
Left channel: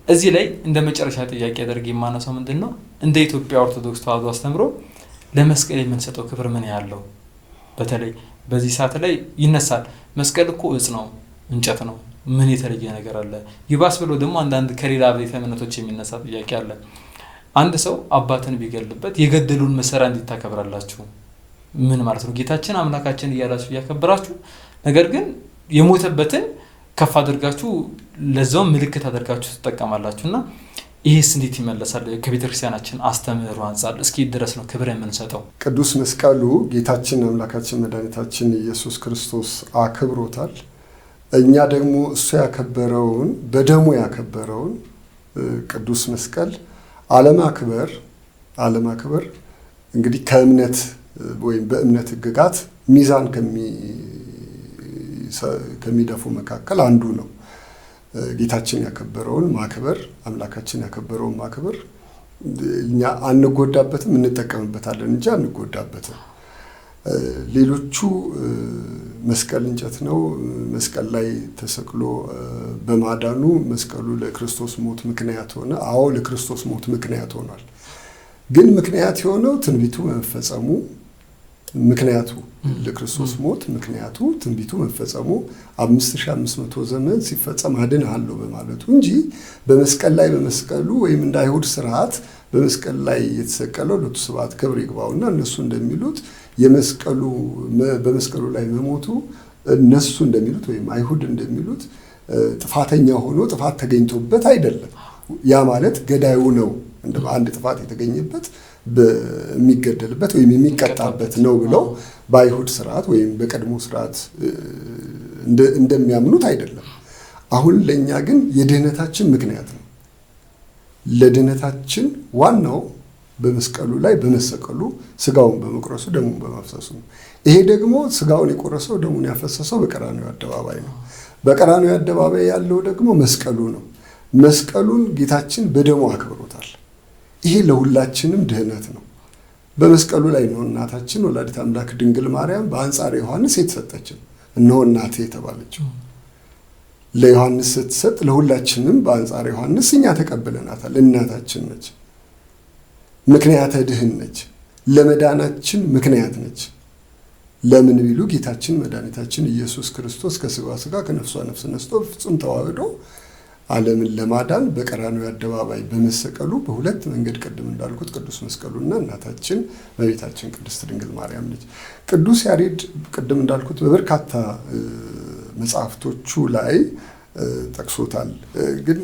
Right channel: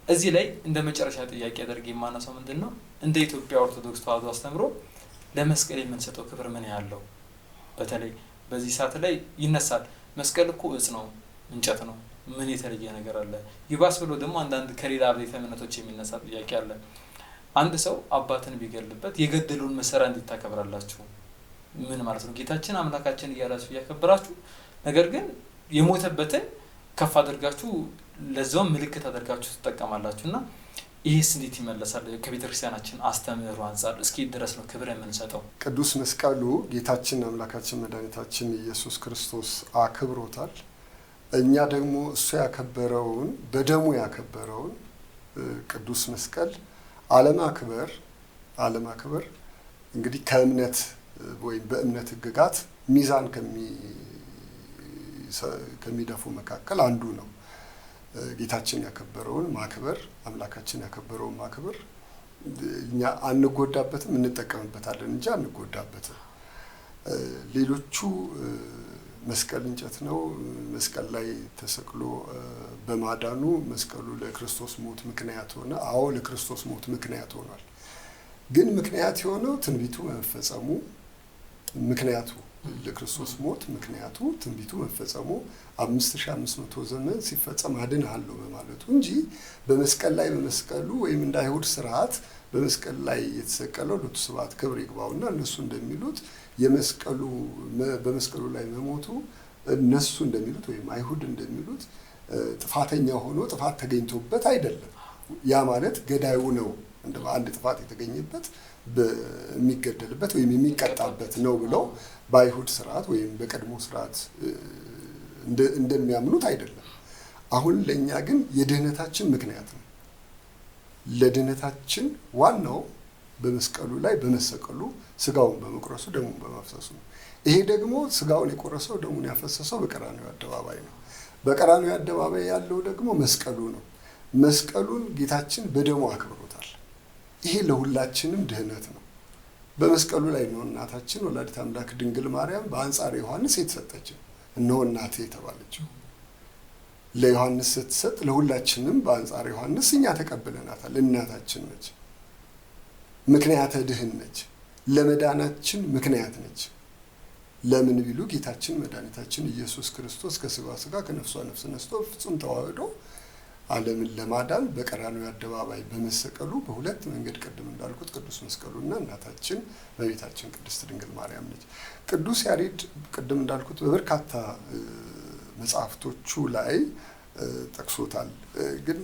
እዚህ ላይ እንደ መጨረሻ ጥያቄ አድርጌ የማነሳው ምንድነው እንደ ኢትዮጵያ ኦርቶዶክስ ተዋሕዶ አስተምሮ ለመስቀል የምንሰጠው ክብር ምን ያለው በተለይ በዚህ ሰዓት ላይ ይነሳል። መስቀል እኮ እጽ ነው፣ እንጨት ነው፣ ምን የተለየ ነገር አለ? ይባስ ብሎ ደግሞ አንዳንድ ከሌላ ቤተ እምነቶች የሚነሳ ጥያቄ አለ። አንድ ሰው አባትን ቢገልበት የገደሉን መሰሪያ እንድታከብራላችሁ ምን ማለት ነው? ጌታችን አምላካችን እያላችሁ እያከበራችሁ ነገር ግን የሞተበትን ከፍ አድርጋችሁ ለዛው ምልክት አድርጋችሁ ተጠቀማላችሁና ይሄስ እንዴት ይመለሳል? ከቤተክርስቲያናችን አስተምህሮ አንፃር እስኪ ድረስ ነው ክብር የምንሰጠው። ቅዱስ መስቀሉ ጌታችን አምላካችን መድኃኒታችን ኢየሱስ ክርስቶስ አክብሮታል። እኛ ደግሞ እሱ ያከበረውን በደሙ ያከበረውን ቅዱስ መስቀል አለማክበር እንግዲህ ከእምነት ወይም በእምነት ሕግጋት ሚዛን ከሚደፉ መካከል አንዱ ነው። ጌታችን ያከበረውን ማክበር፣ አምላካችን ያከበረውን ማክበር እኛ አንጎዳበትም፣ እንጠቀምበታለን እንጂ አንጎዳበትም። ሌሎቹ መስቀል እንጨት ነው፣ መስቀል ላይ ተሰቅሎ በማዳኑ መስቀሉ ለክርስቶስ ሞት ምክንያት ሆነ። አዎ ለክርስቶስ ሞት ምክንያት ሆኗል። ግን ምክንያት የሆነው ትንቢቱ መፈጸሙ፣ ምክንያቱ ለክርስቶስ ሞት ምክንያቱ ትንቢቱ መፈጸሙ 5500 ዘመን ሲፈጸም አድንሃለሁ በማለቱ እንጂ በመስቀል ላይ በመስቀሉ ወይም እንደ አይሁድ ስርዓት በመስቀል ላይ የተሰቀለው ለቱ ስብሐት ክብር ይግባውና እነሱ እንደሚሉት በመስቀሉ ላይ መሞቱ እነሱ እንደሚሉት ወይም አይሁድ እንደሚሉት ጥፋተኛ ሆኖ ጥፋት ተገኝቶበት አይደለም። ያ ማለት ገዳዩ ነው አንድ ጥፋት የተገኘበት የሚገደልበት ወይም የሚቀጣበት ነው ብለው በአይሁድ ስርዓት ወይም በቀድሞ ስርዓት እንደሚያምኑት አይደለም። አሁን ለእኛ ግን የድህነታችን ምክንያት ነው። ለድህነታችን ዋናው በመስቀሉ ላይ በመሰቀሉ ስጋውን በመቁረሱ ደሙን በማፍሰሱ ነው። ይሄ ደግሞ ስጋውን የቆረሰው ደሙን ያፈሰሰው በቀራንዮ አደባባይ ነው። በቀራንዮ አደባባይ ያለው ደግሞ መስቀሉ ነው። መስቀሉን ጌታችን በደሙ አክብሮታል። ይሄ ለሁላችንም ድህነት ነው። በመስቀሉ ላይ ነው እናታችን ወላዲተ አምላክ ድንግል ማርያም በአንጻረ ዮሐንስ የተሰጠችን፣ እነሆ እናቴ የተባለችው። ለዮሐንስ ስትሰጥ ለሁላችንም በአንጻረ ዮሐንስ እኛ ተቀብለናታል። እናታችን ነች፣ ምክንያተ ድህን ነች፣ ለመዳናችን ምክንያት ነች። ለምን ቢሉ ጌታችን መድኃኒታችን ኢየሱስ ክርስቶስ ከስጋዋ ስጋ ከነፍሷ ነፍስ ነስቶ ፍጹም ተዋህዶ ዓለምን ለማዳን በቀራንዮ አደባባይ በመሰቀሉ በሁለት መንገድ ቅድም እንዳልኩት ቅዱስ መስቀሉና እናታችን እመቤታችን ቅድስት ድንግል ማርያም ነች። ቅዱስ ያሬድ ቅድም እንዳልኩት በበርካታ መጽሐፍቶቹ ላይ ጠቅሶታል። ግን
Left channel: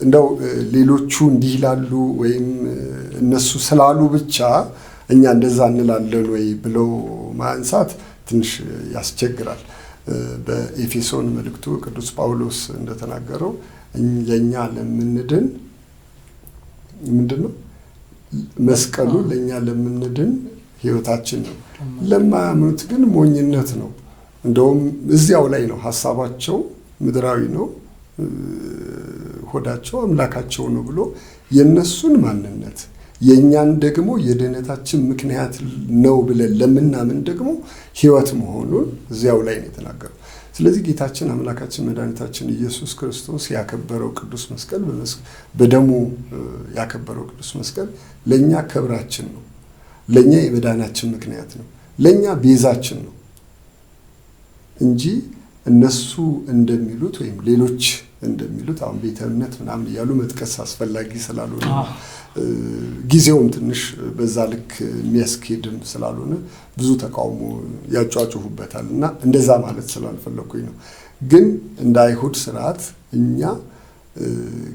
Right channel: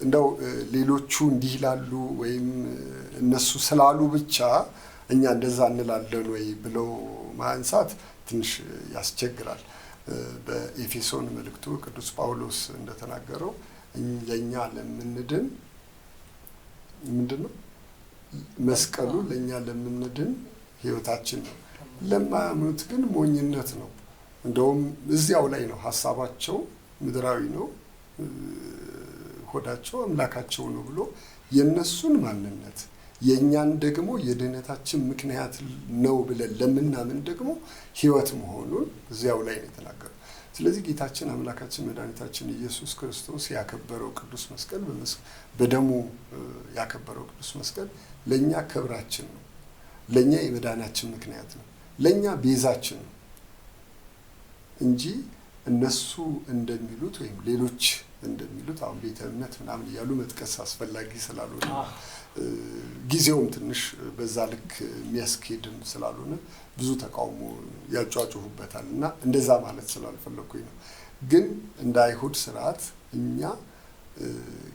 እንደው ሌሎቹ እንዲህ ይላሉ ወይም እነሱ ስላሉ ብቻ እኛ እንደዛ እንላለን ወይ ብለው ማንሳት ትንሽ ያስቸግራል። በኤፌሶን መልእክቱ ቅዱስ ጳውሎስ እንደተናገረው ለእኛ ለምንድን ምንድነው መስቀሉ ለእኛ ለምንድን ሕይወታችን ነው፣ ለማያምኑት ግን ሞኝነት ነው። እንደውም እዚያው ላይ ነው ሀሳባቸው ምድራዊ ነው፣ ሆዳቸው አምላካቸው ነው ብሎ የነሱን ማንነት የእኛን ደግሞ የድህነታችን ምክንያት ነው ብለን ለምናምን ደግሞ ሕይወት መሆኑን እዚያው ላይ ነው የተናገረው። ስለዚህ ጌታችን አምላካችን መድኃኒታችን ኢየሱስ ክርስቶስ ያከበረው ቅዱስ መስቀል በደሙ ያከበረው ቅዱስ መስቀል ለእኛ ክብራችን ነው፣ ለእኛ የመዳናችን ምክንያት ነው፣ ለእኛ ቤዛችን ነው እንጂ እነሱ እንደሚሉት ወይም ሌሎች እንደሚሉት አሁን ቤተ እምነት ምናምን እያሉ መጥቀስ አስፈላጊ ስላልሆነ ጊዜውም ትንሽ በዛ ልክ የሚያስኬድም ስላልሆነ ብዙ ተቃውሞ ያጫጩሁበታል እና እንደዛ ማለት ስላልፈለኩኝ ነው። ግን እንደ አይሁድ ስርዓት እኛ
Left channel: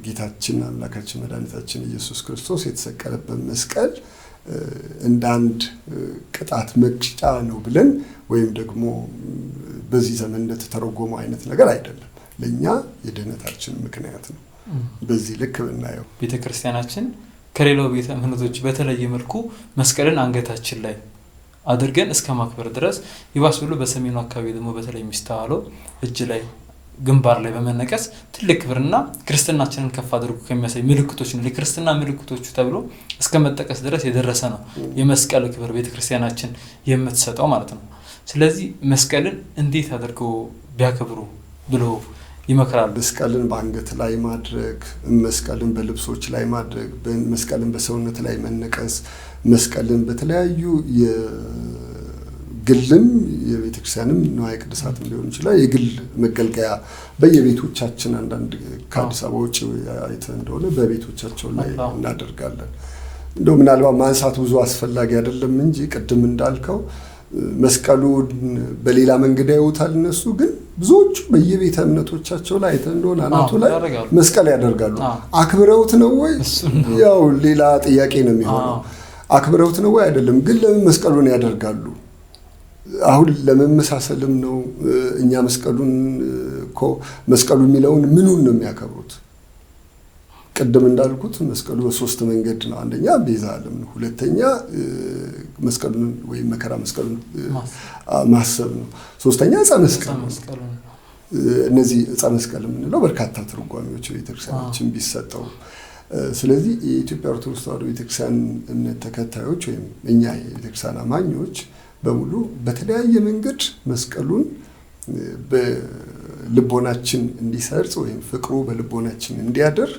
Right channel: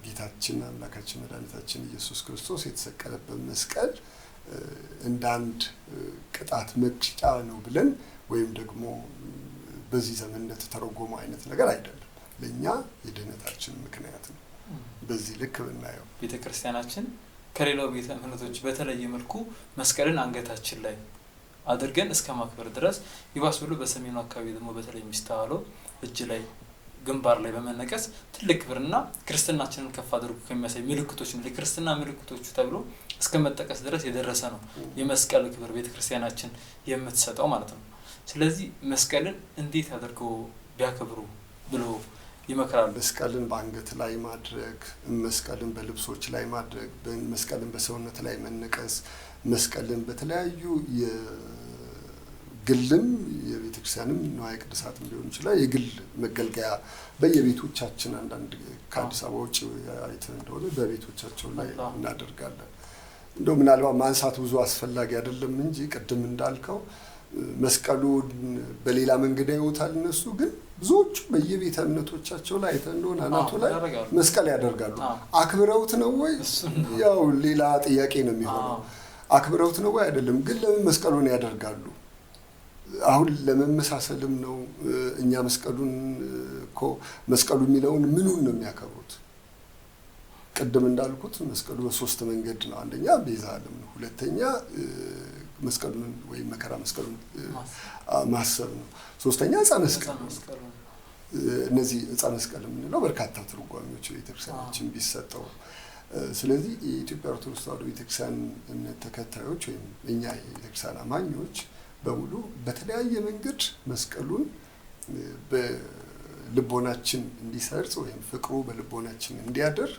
ጌታችን አምላካችን መድኃኒታችን ኢየሱስ ክርስቶስ የተሰቀለበት መስቀል እንደ አንድ ቅጣት መቅጫ ነው ብለን ወይም ደግሞ በዚህ ዘመን እንደተተረጎመ አይነት ነገር አይደለም። ለእኛ የድህነታችን ምክንያት ነው። በዚህ ልክ ብናየው ቤተ ክርስቲያናችን ከሌላው ቤተ እምነቶች በተለየ መልኩ መስቀልን አንገታችን ላይ አድርገን እስከ ማክበር ድረስ ይባስ ብሎ በሰሜኑ አካባቢ ደግሞ በተለይ የሚስተዋለው እጅ ላይ ግንባር ላይ በመነቀስ ትልቅ ክብርና ክርስትናችንን ከፍ አድርጎ ከሚያሳይ ምልክቶች ነው ለክርስትና ምልክቶቹ ተብሎ እስከ መጠቀስ ድረስ የደረሰ ነው የመስቀል ክብር ቤተ ክርስቲያናችን የምትሰጠው ማለት ነው። ስለዚህ መስቀልን እንዴት አድርገው ቢያከብሩ ብሎ ይመክራል። መስቀልን በአንገት ላይ ማድረግ፣ መስቀልን በልብሶች ላይ ማድረግ፣ መስቀልን በሰውነት ላይ መነቀስ፣ መስቀልን በተለያዩ የግልም የቤተ ክርስቲያንም ንዋየ ቅድሳትም ሊሆን ይችላል የግል መገልገያ በየቤቶቻችን አንዳንድ ከአዲስ አበባ ውጭ አይተን እንደሆነ በቤቶቻቸው ላይ እናደርጋለን። እንደው ምናልባት ማንሳት ብዙ አስፈላጊ አይደለም እንጂ ቅድም እንዳልከው መስቀሉን በሌላ መንገድ ያዩታል እነሱ። ግን ብዙዎቹ በየቤተ እምነቶቻቸው ላይ አይተን እንደሆነ አናቱ ላይ መስቀል ያደርጋሉ። አክብረውት ነው ወይ? ያው ሌላ ጥያቄ ነው የሚሆነው። አክብረውት ነው ወይ? አይደለም። ግን ለምን መስቀሉን ያደርጋሉ? አሁን ለመመሳሰልም ነው። እኛ መስቀሉን እኮ መስቀሉ የሚለውን ምኑን ነው የሚያከብሩት? ቅድም እንዳልኩት መስቀሉ በሶስት መንገድ ነው። አንደኛ ቤዛ ዓለም ነው። ሁለተኛ መስቀሉን ወይም መከራ መስቀሉን ማሰብ ነው። ሶስተኛ ዕፀ መስቀሉ ነው። እነዚህ ዕፀ መስቀል የምንለው በርካታ ትርጓሜዎች ቤተክርስቲያናችን ቢሰጠው። ስለዚህ የኢትዮጵያ ኦርቶዶክስ ተዋሕዶ ቤተክርስቲያን እምነት ተከታዮች ወይም እኛ የቤተክርስቲያን አማኞች በሙሉ በተለያየ መንገድ መስቀሉን በልቦናችን እንዲሰርጽ ወይም ፍቅሩ በልቦናችን እንዲያድር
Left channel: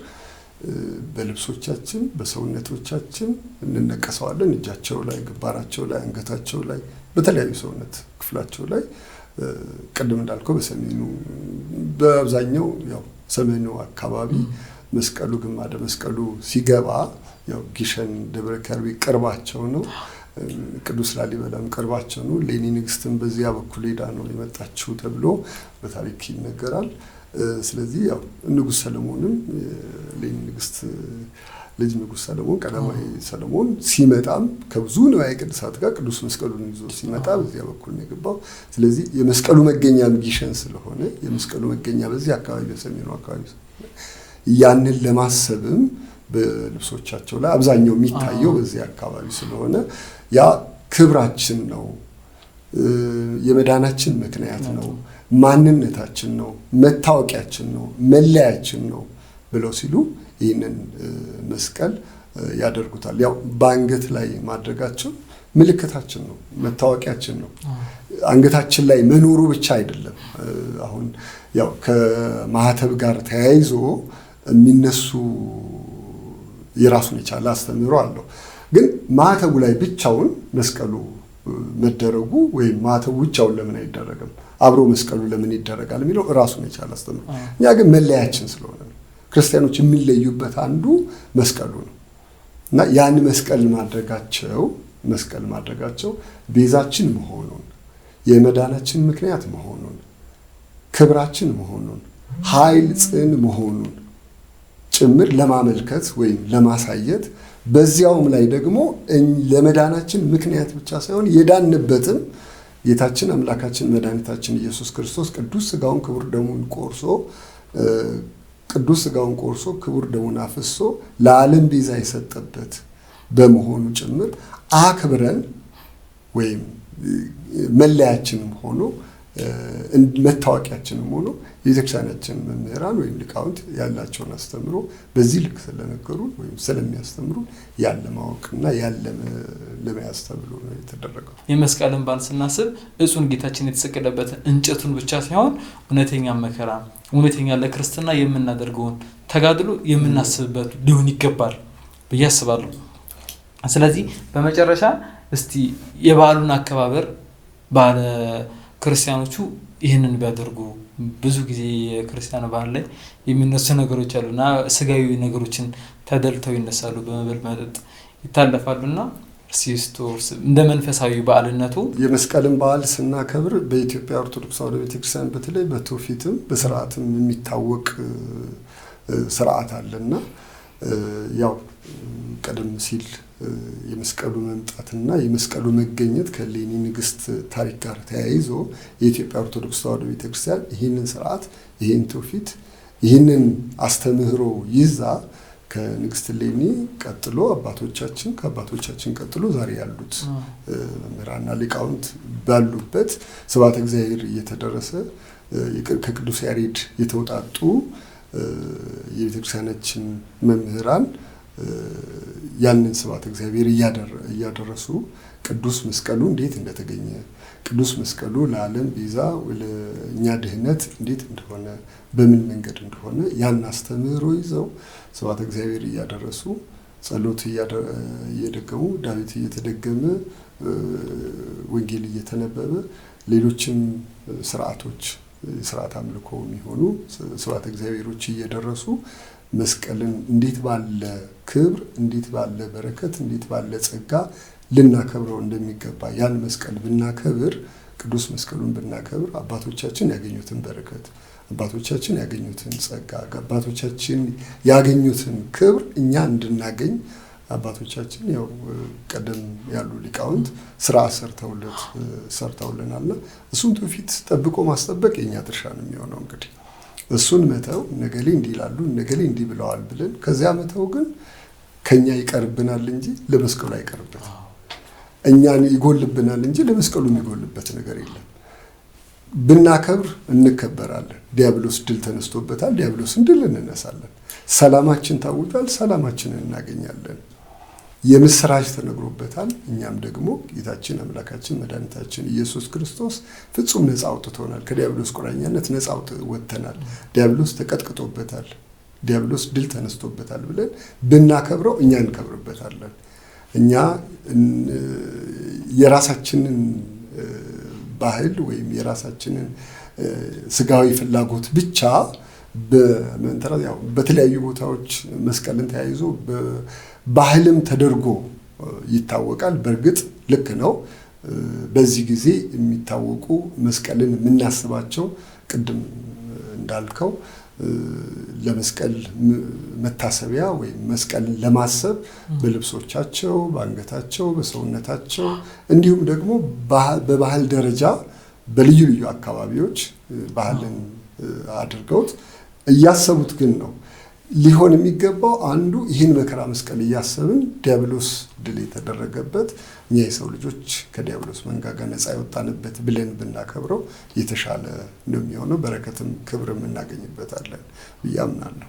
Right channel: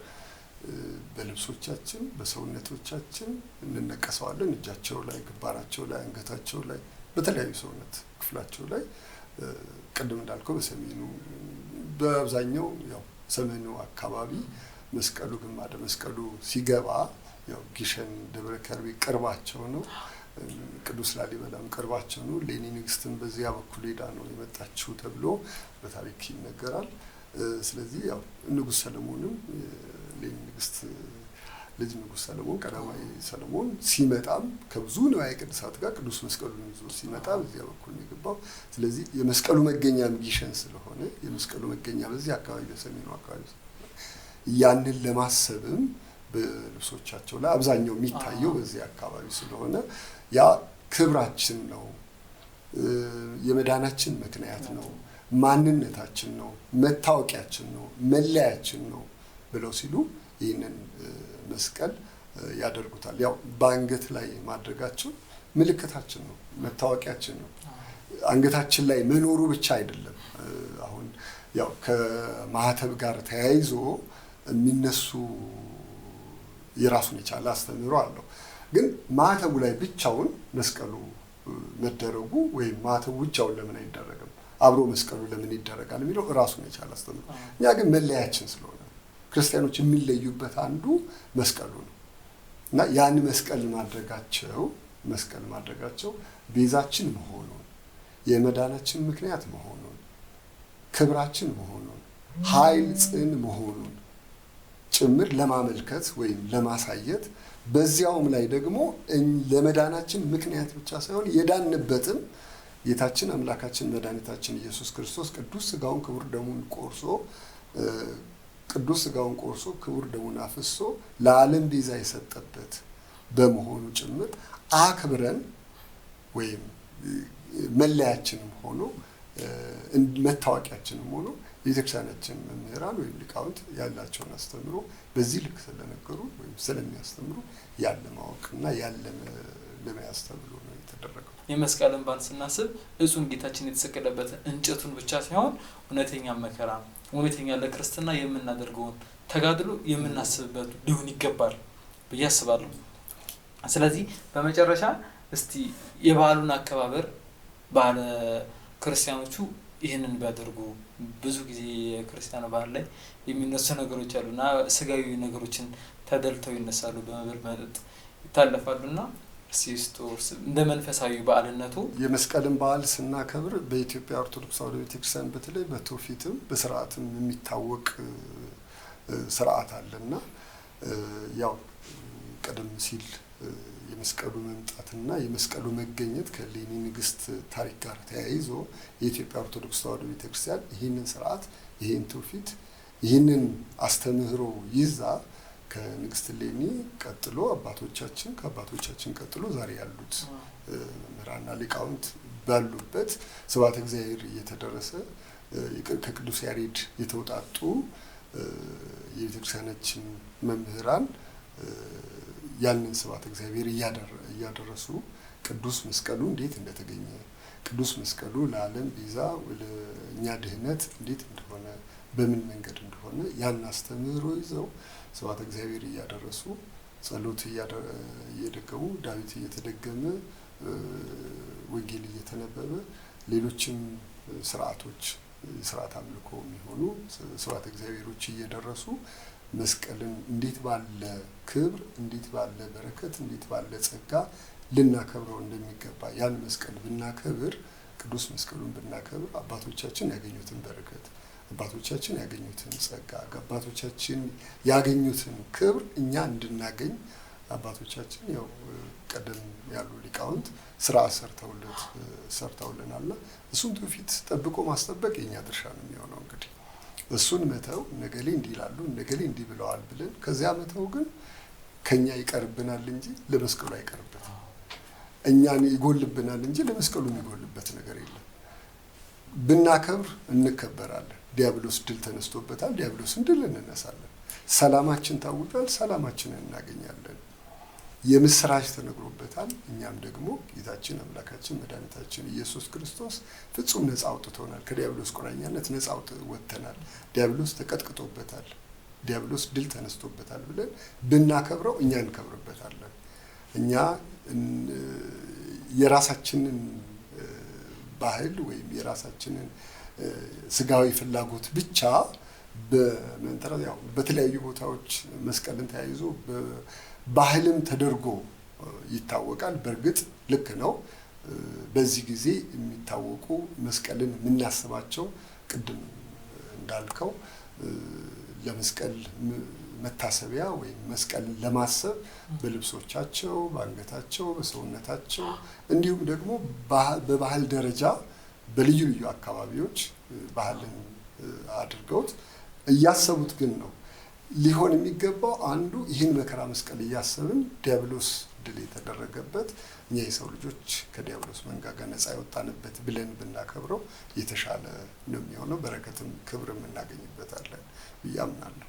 በልብሶቻችን በሰውነቶቻችን እንነቀሰዋለን። እጃቸው ላይ፣ ግንባራቸው ላይ፣ አንገታቸው ላይ፣ በተለያዩ ሰውነት ክፍላቸው ላይ ቅድም እንዳልከው በሰሜኑ በአብዛኛው ያው ሰሜኑ አካባቢ መስቀሉ ግማደ መስቀሉ ሲገባ ያው ጊሸን ደብረ ከርቤ ቅርባቸው ነው። ቅዱስ ላሊበላም ቅርባቸው ነው። ሌኒ ንግስትም በዚያ በኩል ሄዳ ነው የመጣችው ተብሎ በታሪክ ይነገራል። ስለዚህ ያው ንጉሥ ሰለሞንም ሌኒ ንግስት ልጅ ንጉሥ ሰለሞን ቀዳማዊ ሰለሞን ሲመጣም ከብዙ ንዋየ ቅድሳት ጋር ቅዱስ መስቀሉን ይዞ ሲመጣ በዚያ በኩል ነው የገባው። ስለዚህ የመስቀሉ መገኛም ጊሸን ስለሆነ የመስቀሉ መገኛ በዚህ አካባቢ በሰሜኑ አካባቢ ያንን ለማሰብም በልብሶቻቸው ላይ አብዛኛው የሚታየው በዚህ አካባቢ ስለሆነ ያ ክብራችን ነው፣ የመዳናችን ምክንያት ነው፣ ማንነታችን ነው፣ መታወቂያችን ነው፣ መለያችን ነው ብለው ሲሉ ይህንን መስቀል ያደርጉታል። ያው በአንገት ላይ ማድረጋቸው ምልክታችን ነው፣ መታወቂያችን ነው። አንገታችን ላይ መኖሩ ብቻ አይደለም። አሁን ያው ከማህተብ ጋር ተያይዞ የሚነሱ የራሱን የቻለ አስተምህሮ አለው። ግን ማህተቡ ላይ ብቻውን መስቀሉ መደረጉ ወይም ማህተቡ ብቻውን ለምን አይደረግም፣ አብሮ መስቀሉ ለምን ይደረጋል የሚለው ራሱን የቻለ አስተምህሮ። እኛ ግን መለያችን ስለሆነ ነው። ክርስቲያኖች የሚለዩበት አንዱ መስቀሉ ነው እና ያን መስቀል ማድረጋቸው ቤዛችን መሆኑን፣ የመዳናችን ምክንያት መሆኑን፣ ክብራችን መሆኑን፣ ኃይል ጽን መሆኑን ጭምር ለማመልከት ወይም ለማሳየት በዚያውም ላይ ደግሞ ለመዳናችን ምክንያት ብቻ ሳይሆን የዳንበትም ጌታችን አምላካችን መድኃኒታችን ኢየሱስ ክርስቶስ ቅዱስ ሥጋውን ክቡር ደሙን ቆርሶ ክቡር ደሙን አፍሶ ለዓለም ቤዛ የሰጠበት በመሆኑ ጭምር አክብረን ወይም መለያችንም ሆኖ መታወቂያችንም ሆኖ የቤተክርስቲያናችን መምህራን ወይም ሊቃውንት ያላቸውን አስተምሮ በዚህ ልክ ስለነገሩን ወይም ስለሚያስተምሩ ያለ ማወቅና ያለ ለመያዝ ተብሎ ነው የተደረገው። የመስቀልን በዓል ስናስብ እጹን ጌታችን የተሰቀለበትን እንጨቱን ብቻ ሳይሆን እውነተኛ መከራ፣ እውነተኛ ለክርስትና የምናደርገውን ተጋድሎ የምናስብበት ሊሆን ይገባል ብዬ አስባለሁ። ስለዚህ በመጨረሻ እስቲ የበዓሉን አከባበር ባለ ክርስቲያኖቹ ይህንን ቢያደርጉ ብዙ ጊዜ የክርስቲያን በዓል ላይ የሚነሱ ነገሮች አሉና ስጋዊ ነገሮችን ተደልተው ይነሳሉ፣ በመብል መጠጥ ይታለፋሉና ሲስቶስ እንደ መንፈሳዊ በዓልነቱ የመስቀልን በዓል ስናከብር በኢትዮጵያ ኦርቶዶክስ ተዋሕዶ ቤተክርስቲያን በተለይ በትውፊትም በስርዓትም የሚታወቅ ስርዓት አለና ያው ቀደም ሲል የመስቀሉ መምጣትና የመስቀሉ መገኘት ከሌኒ ንግስት ታሪክ ጋር ተያይዞ የኢትዮጵያ ኦርቶዶክስ ተዋሕዶ ቤተክርስቲያን ይህንን ስርዓት፣ ይህን ትውፊት፣ ይህንን አስተምህሮ ይዛ ከንግስት ሌኒ ቀጥሎ ከአባቶቻችን ቀጥሎ ዛሬ ያሉት መምህራንና ሊቃውንት ባሉበት ስብሐተ እግዚአብሔር እየተደረሰ ከቅዱስ ያሬድ የተውጣጡ የቤተክርስቲያናችን መምህራን ያንን ስብሐተ እግዚአብሔር እያደረሱ ቅዱስ መስቀሉ እንዴት እንደተገኘ፣ ቅዱስ መስቀሉ ለዓለም ቤዛ ለእኛ ድህነት እንዴት እንደሆነ፣ በምን መንገድ እንደሆነ ያን አስተምህሮ ይዘው ስብሐተ እግዚአብሔር እያደረሱ ጸሎት እየደገሙ ዳዊት እየተደገመ ወንጌል እየተነበበ ሌሎችም ስርዓቶች ስርዓት አምልኮ የሚሆኑ ስብሐተ እግዚአብሔሮች እየደረሱ መስቀልን እንዴት ባለ ክብር፣ እንዴት ባለ በረከት፣ እንዴት ባለ ጸጋ ልናከብረው እንደሚገባ ያን መስቀል ብናከብር፣ ቅዱስ መስቀሉን ብናከብር አባቶቻችን ያገኙትን በረከት፣ አባቶቻችን ያገኙትን ጸጋ፣ አባቶቻችን ያገኙትን ክብር እኛ እንድናገኝ አባቶቻችን ያው ቀደም ያሉ ሊቃውንት ስራ ሰርተውልናልና እሱን ትውፊት ጠብቆ ማስጠበቅ የኛ ድርሻ ነው የሚሆነው። እንግዲህ እሱን መተው ነገሌ እንዲህ ይላሉ ነገሌ እንዲህ ብለዋል ብለን ከዚያ መተው ግን ከኛ ይቀርብናል እንጂ ለመስቀሉ አይቀርበትም። እኛን ይጎልብናል እንጂ ለመስቀሉ የሚጎልበት ነገር የለም። ብናከብር እንከበራለን። ዲያብሎስ ድል ተነስቶበታል። ዲያብሎስን ድል እንነሳለን። ሰላማችን ታውጇል። ሰላማችንን እናገኛለን። የምስራች ተነግሮበታል። እኛም ደግሞ ጌታችን አምላካችን መድኃኒታችን ኢየሱስ ክርስቶስ ፍጹም ነፃ አውጥቶናል። ከዲያብሎስ ቁራኛነት ነፃ ወጥተናል። ዲያብሎስ ተቀጥቅጦበታል። ዲያብሎስ ድል ተነስቶበታል ብለን ብናከብረው እኛ እንከብርበታለን። እኛ የራሳችንን ባህል ወይም የራሳችንን ስጋዊ ፍላጎት ብቻ በመንተራስ ያው በተለያዩ ቦታዎች መስቀልን ተያይዞ ባህልም ተደርጎ ይታወቃል። በእርግጥ ልክ ነው። በዚህ ጊዜ የሚታወቁ መስቀልን የምናስባቸው ቅድም እንዳልከው ለመስቀል መታሰቢያ ወይም መስቀልን ለማሰብ በልብሶቻቸው፣ በአንገታቸው፣ በሰውነታቸው እንዲሁም ደግሞ በባህል ደረጃ በልዩ ልዩ አካባቢዎች ባህልን አድርገውት እያሰቡት ግን ነው። ሊሆን የሚገባው አንዱ ይህን መከራ መስቀል እያሰብን ዲያብሎስ ድል የተደረገበት እኛ የሰው ልጆች ከዲያብሎስ መንጋጋ ነፃ የወጣንበት ብለን ብናከብረው የተሻለ ነው የሚሆነው። በረከትም ክብርም እናገኝበታለን ብዬ አምናለሁ።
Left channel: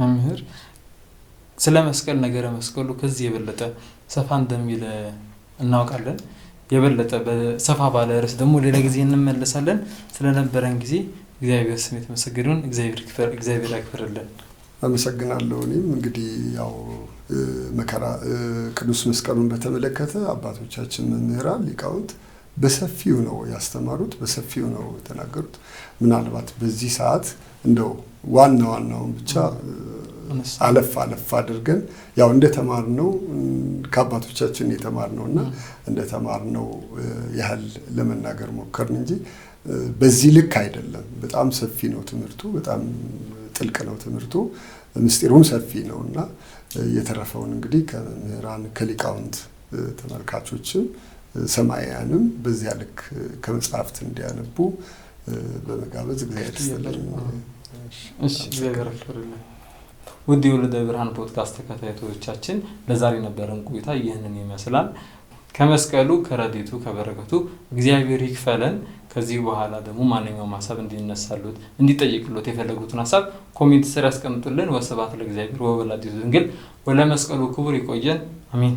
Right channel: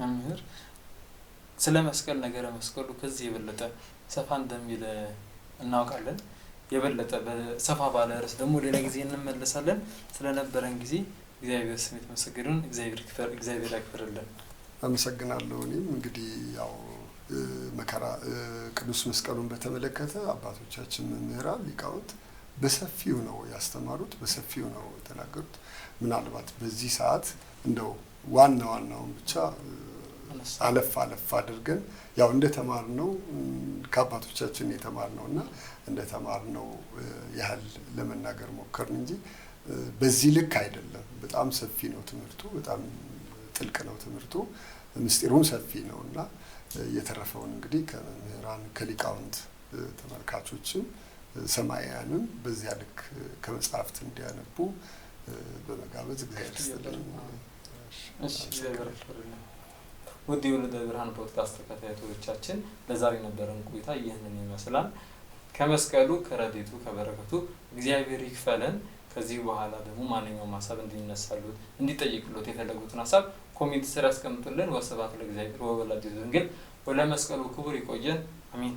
መምህር ስለ መስቀል ነገረ መስቀሉ ከዚህ የበለጠ ሰፋ እንደሚል እናውቃለን። የበለጠ በሰፋ ባለ ርዕስ ደግሞ ሌላ ጊዜ እንመለሳለን። ስለነበረን ጊዜ እግዚአብሔር ስም የተመሰገነውን እግዚአብሔር ያክብርልን። አመሰግናለሁ። እኔም እንግዲህ ያው መከራ ቅዱስ መስቀሉን በተመለከተ አባቶቻችን መምህራን ሊቃውንት በሰፊው ነው ያስተማሩት፣ በሰፊው ነው የተናገሩት። ምናልባት በዚህ ሰዓት እንደው ዋናውን ብቻ አለፍ አድርገን ያው እንደተማርነው ከአባቶቻችን የተማርነውና እንደተማርነው ያህል ለመናገር ሞከርን እንጂ በዚህ ልክ አይደለም። በጣም ሰፊ ነው ትምህርቱ፣ በጣም ጥልቅ ነው ትምህርቱ፣ ምስጢሩም ሰፊ ነውና የተረፈውን እንግዲህ ከመምህራን ከሊቃውንት ተመልካቾችም ሰማያንም በዚያ ልክ ከመጽሐፍት እንዲያነቡ በመጋበዝ እግዚአብሔር ይስጥልኝ። ውድ የወልደ ብርሃን ፖድካስት ተከታታዮቻችን ለዛሬ ነበረን ቆይታ ይህንን ይመስላል። ከመስቀሉ ከረድኤቱ ከበረከቱ እግዚአብሔር ይክፈለን። ከዚህ በኋላ ደግሞ ማንኛውም ሀሳብ እንዲነሳሉት እንዲጠይቅሉት የፈለጉትን ሀሳብ ኮሜንት ስር ያስቀምጡልን። ወስብሐት ለእግዚአብሔር ወወላዲቱ ድንግል ወለመስቀሉ ክቡር። ይቆየን። አሜን።